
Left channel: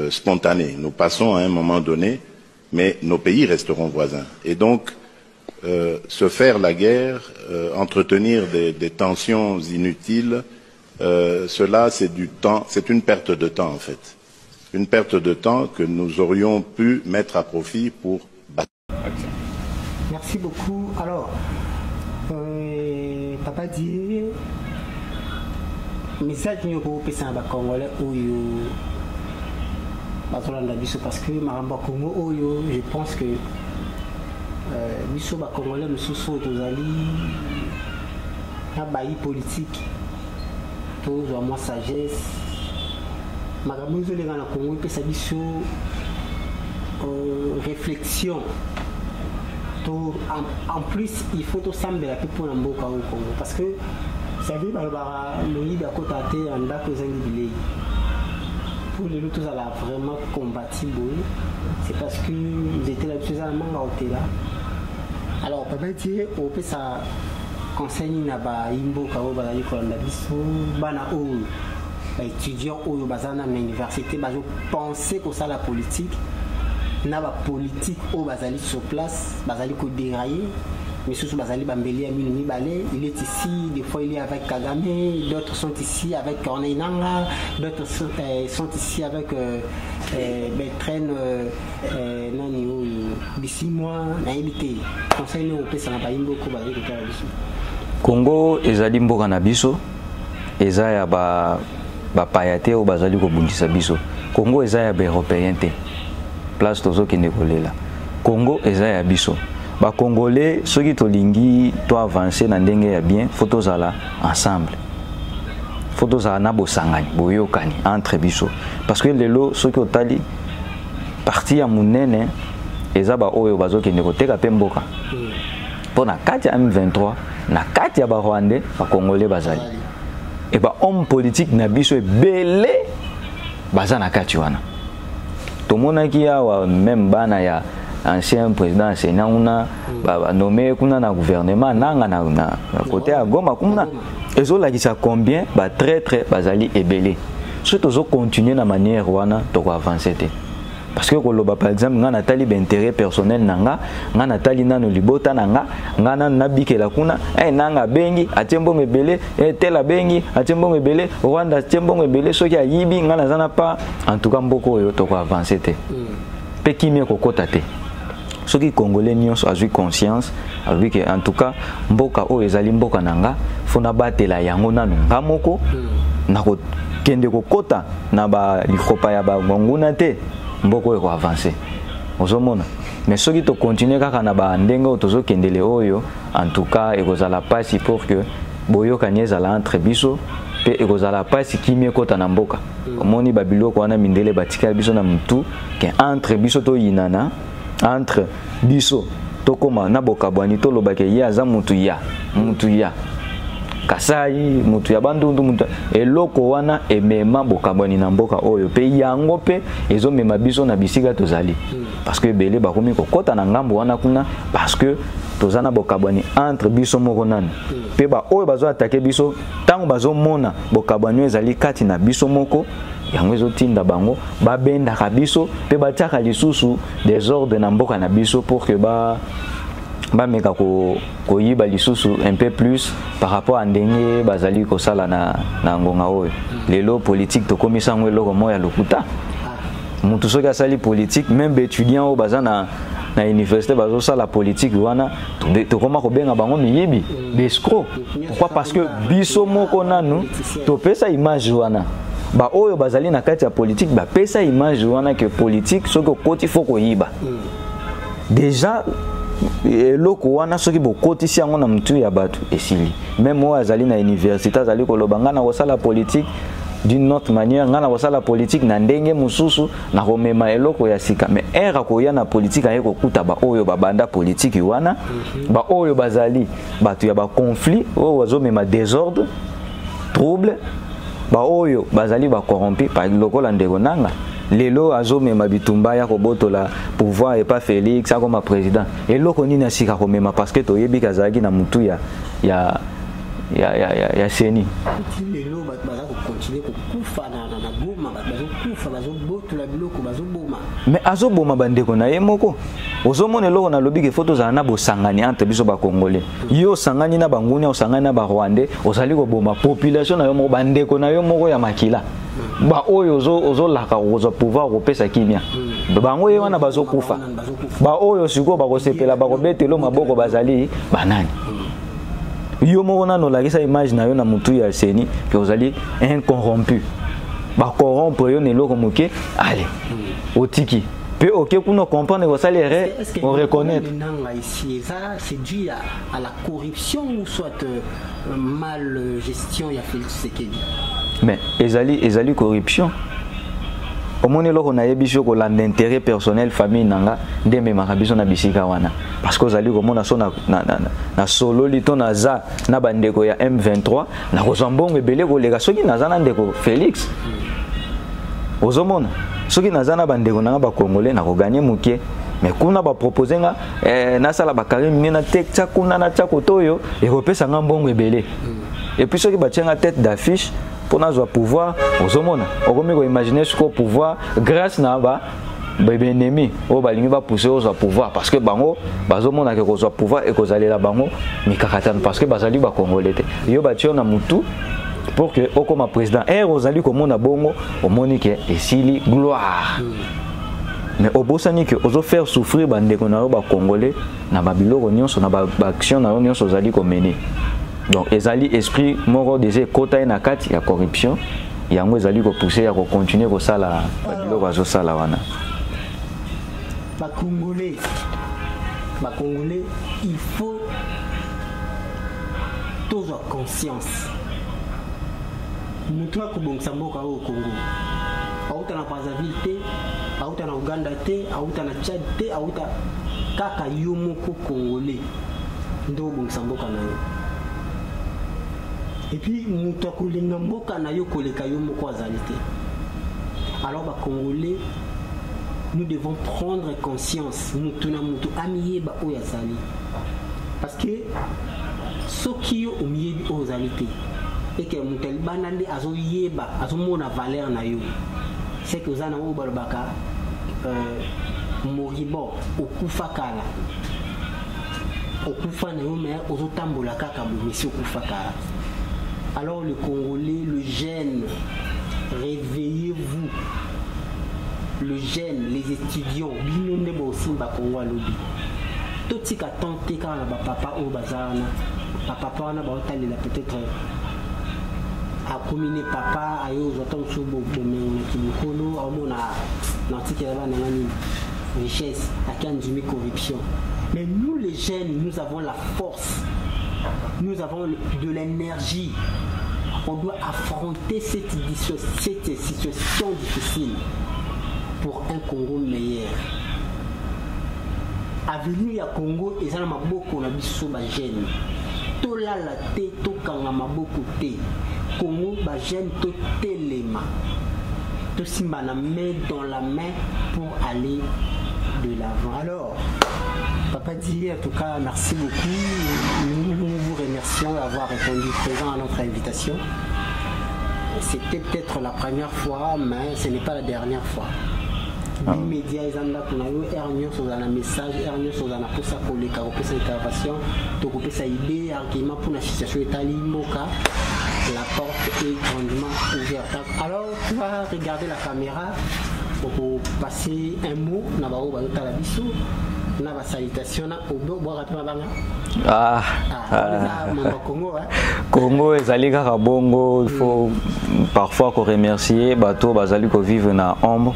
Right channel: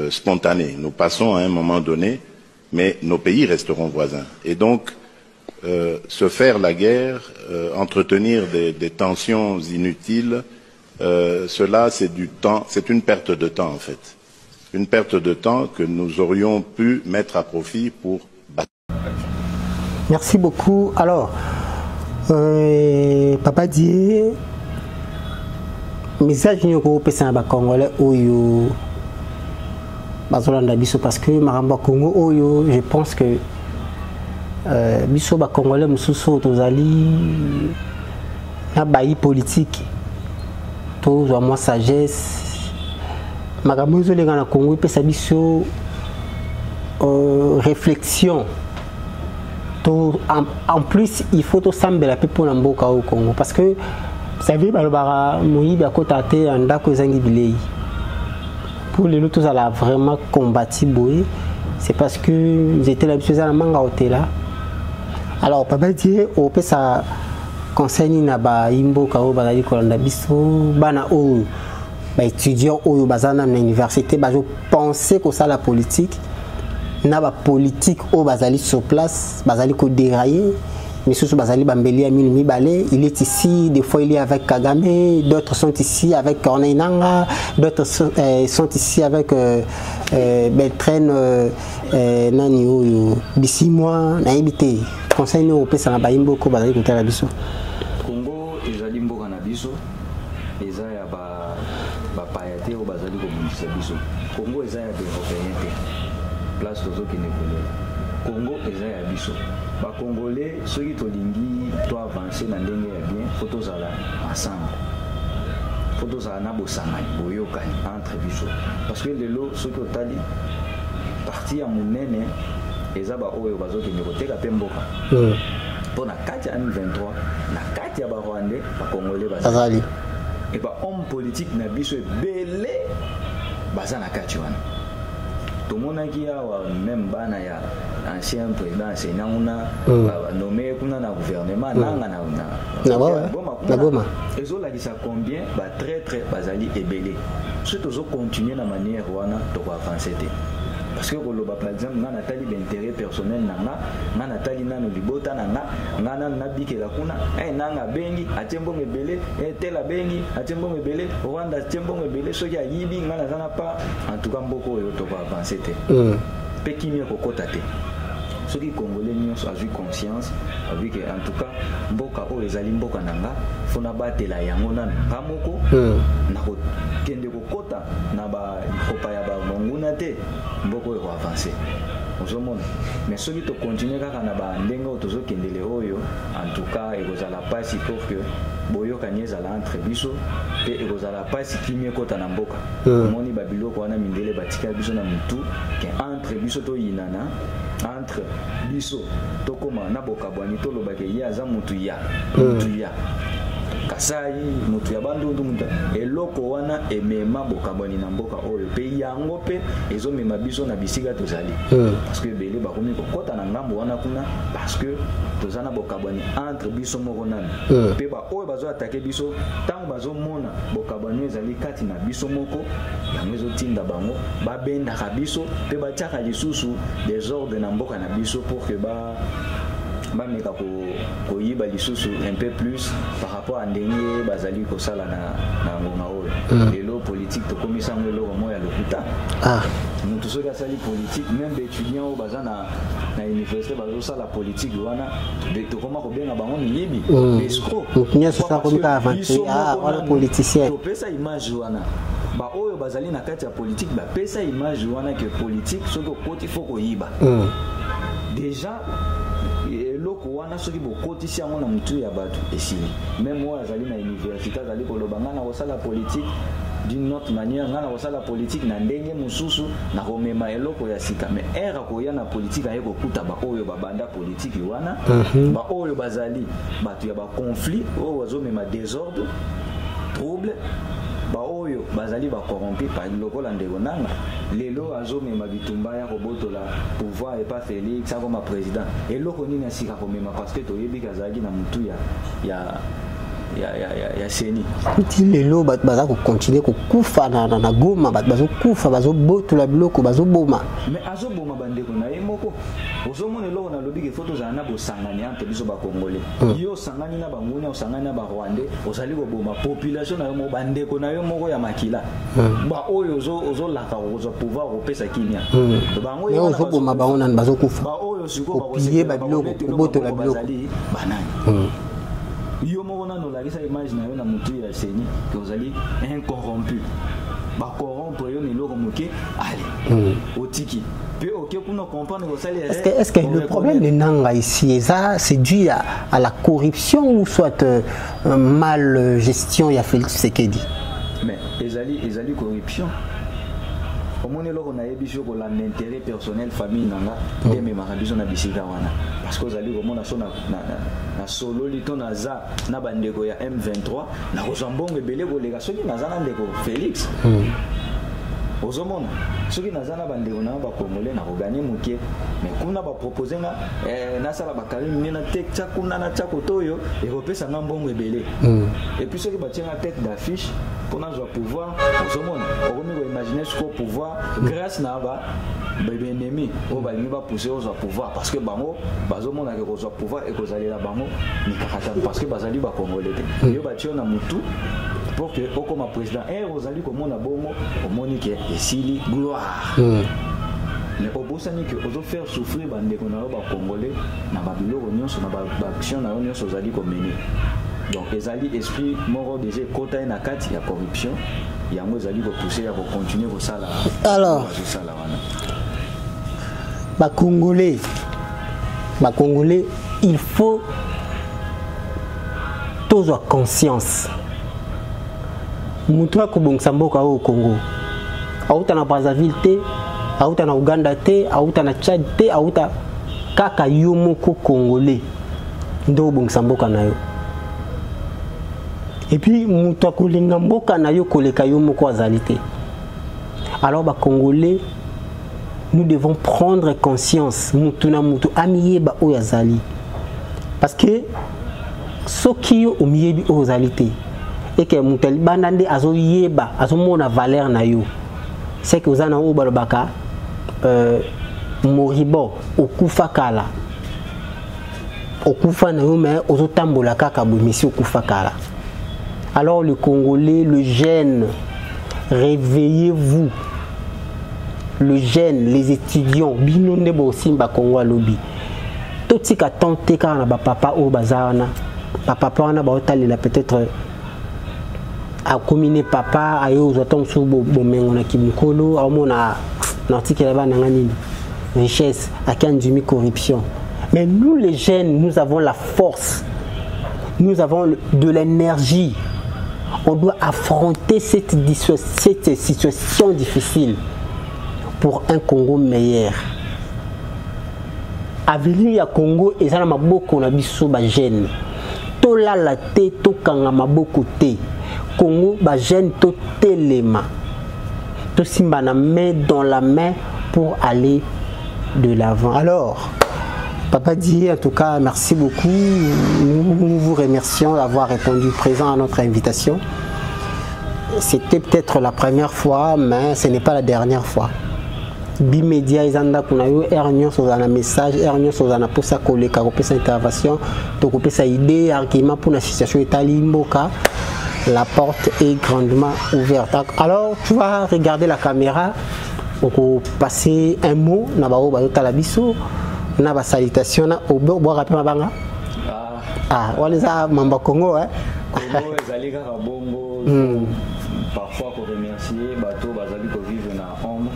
spontanés. Nous passons à un moment donné, mais nos pays resteront voisins. Et donc, se faire la guerre, entretenir des tensions inutiles, cela c'est du temps, c'est une perte de temps en fait. Une perte de temps que nous aurions pu mettre à profit pour battre. Merci beaucoup. Alors, Papa Dié, message nous au Congolais Oyo Bazolanda Biso parce que Maramba Congo Oyo, je pense que Biso ba Congolais mususu tozali na bayi politique to zo moi sagesse Maramba zo lenga na Congo pesa biso réflexion. En plus, il faut tout sembler la pour l'amboka au Congo parce que vous savez, Moïse a contacté un dako zangibilei. Pour les autres, ça a vraiment combattu Boé. C'est parce que j'étais là, à manga là. Alors, papa dit, au peut ça conseille na ba imbo kao bazali kolanda biso bana o ba étudiant o bazana na université ba je pensais que ça la politique. Na ba politique au bazali sur place, bazali ko dérailler, mais sous bazali bambeli à minuit balé, il est ici, des fois il est avec Kagame, d'autres sont ici avec Corneille Nangaa, d'autres sont ici avec Beltrène nani oyo Bissimwa na ebité. Conseil nous pesa na baimbo ko bazali ko tera biso. Congo ezali mboka na biso, eza ya ba payate o bazali ko bundisa biso. Congo eza ya ba européen te. Place tozo ki nekolela. Congo eza ya biso. Ba Congolais soki tolingi to avancer na ndenge ya bien, faut tozala ensemble. Faut tozala na bosangani, boyokani entre biso. Parce que lelo soki otali parti ya munene eza ba oyo bazo ki nekoteka pe mboka. Pour na kati ya M23, na kati ya ba Rwandais, ba Congolais bazali. Et ba homme politique na biso ebele baza na kati wana. Tout le monde qui a même bana ya ancien président enseignant on nommé kuna na gouvernement nanga na côté à Goma kuna ezo la ça combien ba très bazali ebelé surtout zo continuer na manière wana to avancer té parce que koloba par exemple ngana tali ba intérêt personnel nanga ngana tali nano libota nanga ngana nabikela kuna nanga bengi atembo mebele tela bengi atembo mebele Rwanda atembo mebele soki ayibi ngana zana pas en tout cas mboko yo to avancer té pe kimia kokota té ceux qui Congolais nyonso a eu conscience avec en tout cas mboka o ezali mboka nanga fona batela yango nanu ngamoko na ko kende kokota na ba likopa ya ba nguna te mboko eko avancer ozomona mais ceux qui to continuer kaka na ba ndenge tozo kendele oyo en tout cas ekozala pasi pour que boyo kanyeza la entre biso pe ekozala pasi kimie kota na mboka omoni babiloko wana mindele batika biso na mutu ke entre biso to yinana entre biso tokoma na bokabwani to lobake ya za mutu ya kasai mutu ya bandundu mutu eloko wana emema bokabwani na mboka oyo pe yango pe ezomema biso na bisika tozali parce que belé bakomi kokota na ngambo wana kuna parce que tozana bokabwani entre biso moko nani pe ba oyo bazo attaquer biso tango bazo mona bokabwani ezali kati na biso moko yango ezotinda bango babenda kabiso pe batiaka lisusu désordre na mboka na biso pour que ba meka ko yiba lisusu un peu plus par rapport à ndenge bazali ko sala na ngonga oyo lelo politique to komisa ngo eloko moya lokuta mutu soki asali politique même étudiant o bazana na université bazo sala politique wana to koma ko benga bango miyibi escroc parce que biso moko nanu to pesa image wana ba oyo bazali na kati ya politique ba pesa image wana que politique soko koti foko yiba déjà eloko wana soki bokotisi yango na mutu ya bato esili même oyo azali na université azali koloba ngana kosala politique d'une autre manière ngana kosala politique na ndenge mususu na komema eloko ya sika mais era koya na politique aye kokuta ba oyo babanda politique wana ba oyo bazali bato ya ba conflit oyo bazomema désordre trouble ba oyo bazali ba corrompu par lokola ndeko nanga lelo azomema bitumba ya kobotola pouvoir et pas Félix comme président et loko nini asika komema parce que toyebi kazaki na mutu ya seni petit lelo baza ko continuer ko kufa na Goma bazo kufa bazo botola biloko bazo boma mais azoboma bandeko na yemoko ozomona loko na lobi ke photo za na bosangani entre biso ba congolais yo sangani na banguni o sangani na ba rwandais ozali ko boma population na yo moko bandeko na yo moko ya makila ba oyo ozo laka ozo pouvoir kopesa kimia bango yo na bazo kufa ba oyo siko ba kosepela ba kobetelo maboko bazali banani yo moko na no lakisa image na yo na mutu ya seni que ozali incorrompu ba corrompre yo ne loko moke allez otiki peut OK pour nous comprendre que ça les est-ce que le problème de nanga ici c'est dû à la corruption ou soit mal gestion ya Félix Tshisekedi mais ezali corruption au moins loko na yebiso ko l'intérêt personnel famille nanga ndeme makabiso na bisika wana parce que ozali ko mona so na solo lito na za na bandeko ya M23 na kozambongo ebele ko lega soki na za na ndeko Félix ozomona soki na za na bandeko nanga ba congolais na ko gagner mukie mais kuna ba proposer nga na sala ba karim na tekcha kuna na chako toyo e ko pesa nga mbongo ebele et puis soki ba tient tête d'affiche pour nous pouvoir aux hommes on imaginer ce qu'on pouvoir grâce na ba bébé ennemi au balingi va pousser aux pouvoir parce que bango bazomon na que pouvoir et que aller là bango mais kakatan parce que bazali ba congolais yo ba tio na mutu pour que au comme président et rozali comme na bongo au monique et sili gloire mais au bosani que ozo faire souffrir bandeko na ba congolais na ba biloko nyonso na ba action na nyonso zali ko mener. Donc ezali esprit moro des kota na kati ya corruption yango ezali ko pousser ya ko continuer ko sala bazo sala wana ba congolais il faut tous avoir conscience mutu ko bongsa mboka au Congo auta na Brazzaville te auta na Uganda te auta na Tchad te auta kaka yo moko congolais ndo bongsa mboka na yo. Et puis, alors, les Congolais, nous devons prendre conscience. Parce que ce qui est au milieu de l'ozalité, et que nous avons la valeur, c'est que nous avons Moribo, au Koufakala. Au Koufana, mais aux Otambola Kakabou, mais au Koufakala. Alors le Congolais, le jeune, réveillez-vous. Le jeune, les étudiants, binonde bosimba Congo lobby. Tout ce qui a tenté quand on a papa au bazarna, papa on a peut-être à combiner papa à eux autant sous bomengo na kimukolo, à mon article là-bas nangani richesse, à kanjumi corruption. Mais nous les jeunes, nous avons la force, nous avons de l'énergie. On doit affronter cette situation difficile pour un Congo meilleur. Avenir à Congo, et ça n'a pas beaucoup de jeune. Tout là la tête, tout quand on a beaucoup de Congo, ba jeune, tout téléma. Tout simba na main dans la main pour aller de l'avant. Alors, Papa dit en tout cas merci beaucoup. Nous vous remercions d'avoir répondu présent à notre invitation. C'était peut-être la première fois, mais ce n'est pas la dernière fois. Bimédia izanda kuna yo ernion sur un message, ernion sur un posa collé car sa intervention, donc sa idée argument pour la situation italimboka. La porte est grandement ouverte. Alors tu vas regarder la caméra pour passer un mot na ba o ba talabiso. Na ba salutation na obo bo rapema banga on les a mamba Congo Congo ezali kaka bongo il faut parfois ko remercier bato bazali ko vivre na ombre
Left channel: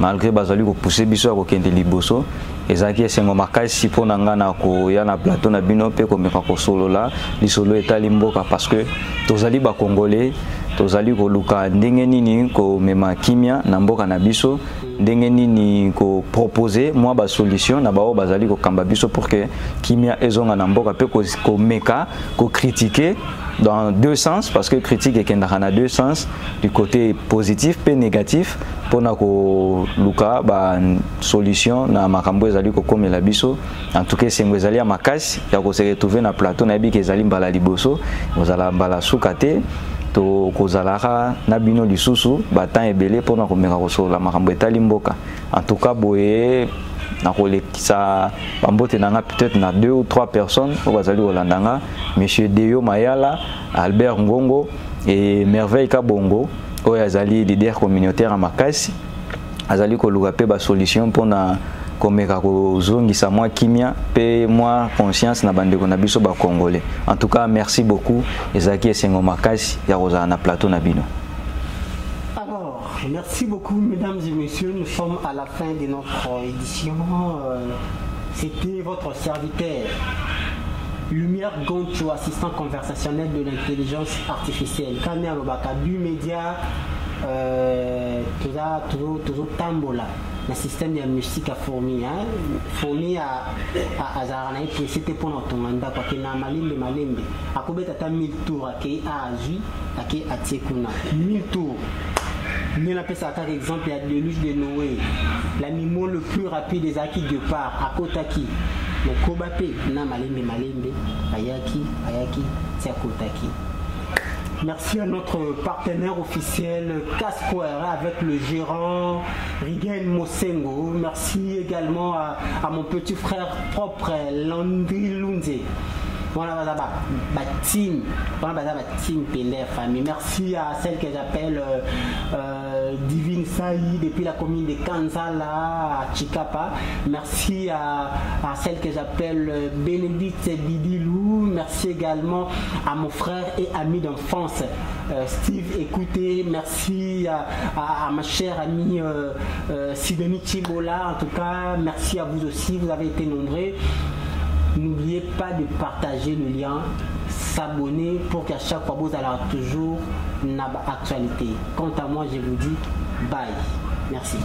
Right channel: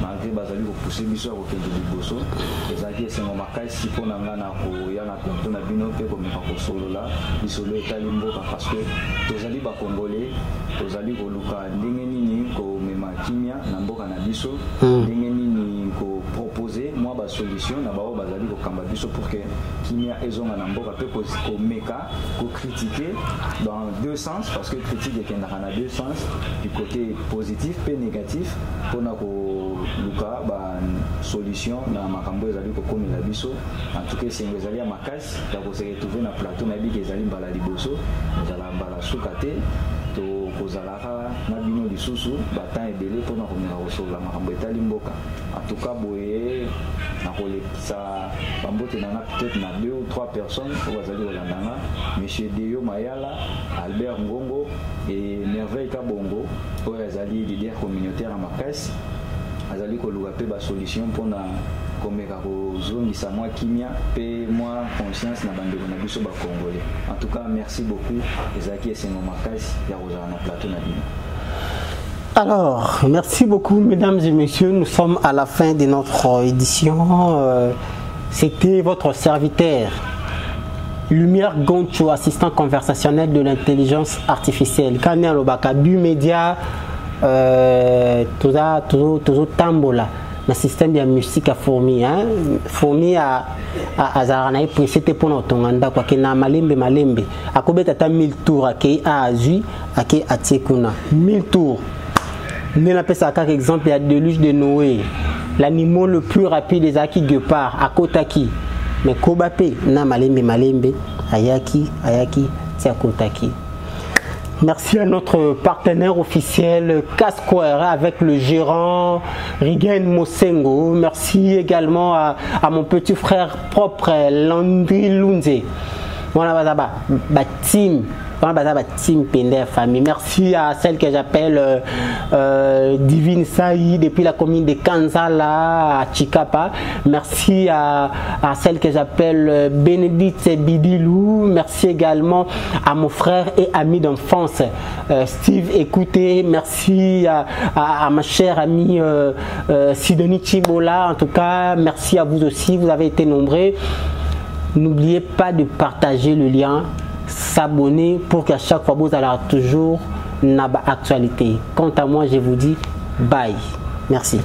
malgré bazali ko pousser biso ko kende liboso ezaki esengo makasi pona ngana ko ya na plateau na bino pe ko meka ko solo la lisolo etali mboka parce que tozali ba congolais tozali koluka ndenge nini ko mema kimia na mboka na biso ndenge nini ko proposer moi ba solution na bao bazali ko kamba biso pour que kimia ezonga na mboka pe ko meka ko critiquer dans deux sens parce que critique est dans deux sens du côté positif et négatif pour na ko luka ba solution na makambo ezali ko komela biso en tout cas c'est ezali ya makasi ya ko se retrouver na plateau na bi ke ezali mbala liboso ozala mbala sukate to kozalaka na bino lisusu batan ebele pona komeka kosola makambo etali mboka en tout cas boye na kolekisa bambote nanga peut-être na 2 ou 3 personnes po bazali kolandanga monsieur Deyo Mayala, Albert Ngongo et Merveille Kabongo oyo azali leader communautaire à makasi azali koluka pe ba solution pona komeka kozongisa moi kimia pe moi conscience na bandeko na biso ba congolais. En tout cas merci beaucoup ezaki esengo makasi ya kozala na plateau na bino. Alors, merci beaucoup mesdames et messieurs, nous sommes à la fin de notre édition. C'était votre serviteur Lumière Goncho, assistant conversationnel de l'intelligence artificielle. Kanya Lobaka du média Tozo Tambola. Le système de la musique a fourmi, fourmi à Zaranaï, c'était pour notre tonganda, quoi que na malembe, à combien t'as 1000 tours, à qui a Azu, à qui a Tiekuna, 1000 tours. Nous appelons ça par exemple, il y a Deluge de Noé, l'animal le plus rapide des Aki Guepard, à Kotaki, mais Kobape, na malembe, Ayaki, c'est à Kotaki. Merci à notre partenaire officiel Casquare avec le gérant Rigen Mosengo. Merci également à mon petit frère propre Landry Lunze. Voilà, team. Team Pender Famille. Merci à celle que j'appelle Divine Saï depuis la commune de Kanzala à Chikapa. Merci à celle que j'appelle Bénédicte Bidilou. Merci également à mon frère et ami d'enfance Steve Écouté. Merci à ma chère amie Sidonie Chibola. En tout cas, merci à vous aussi. Vous avez été nombreux. N'oubliez pas de partager le lien, s'abonner pour qu'à chaque fois vous allez toujours une actualité. Quant à moi, je vous dis bye. Merci.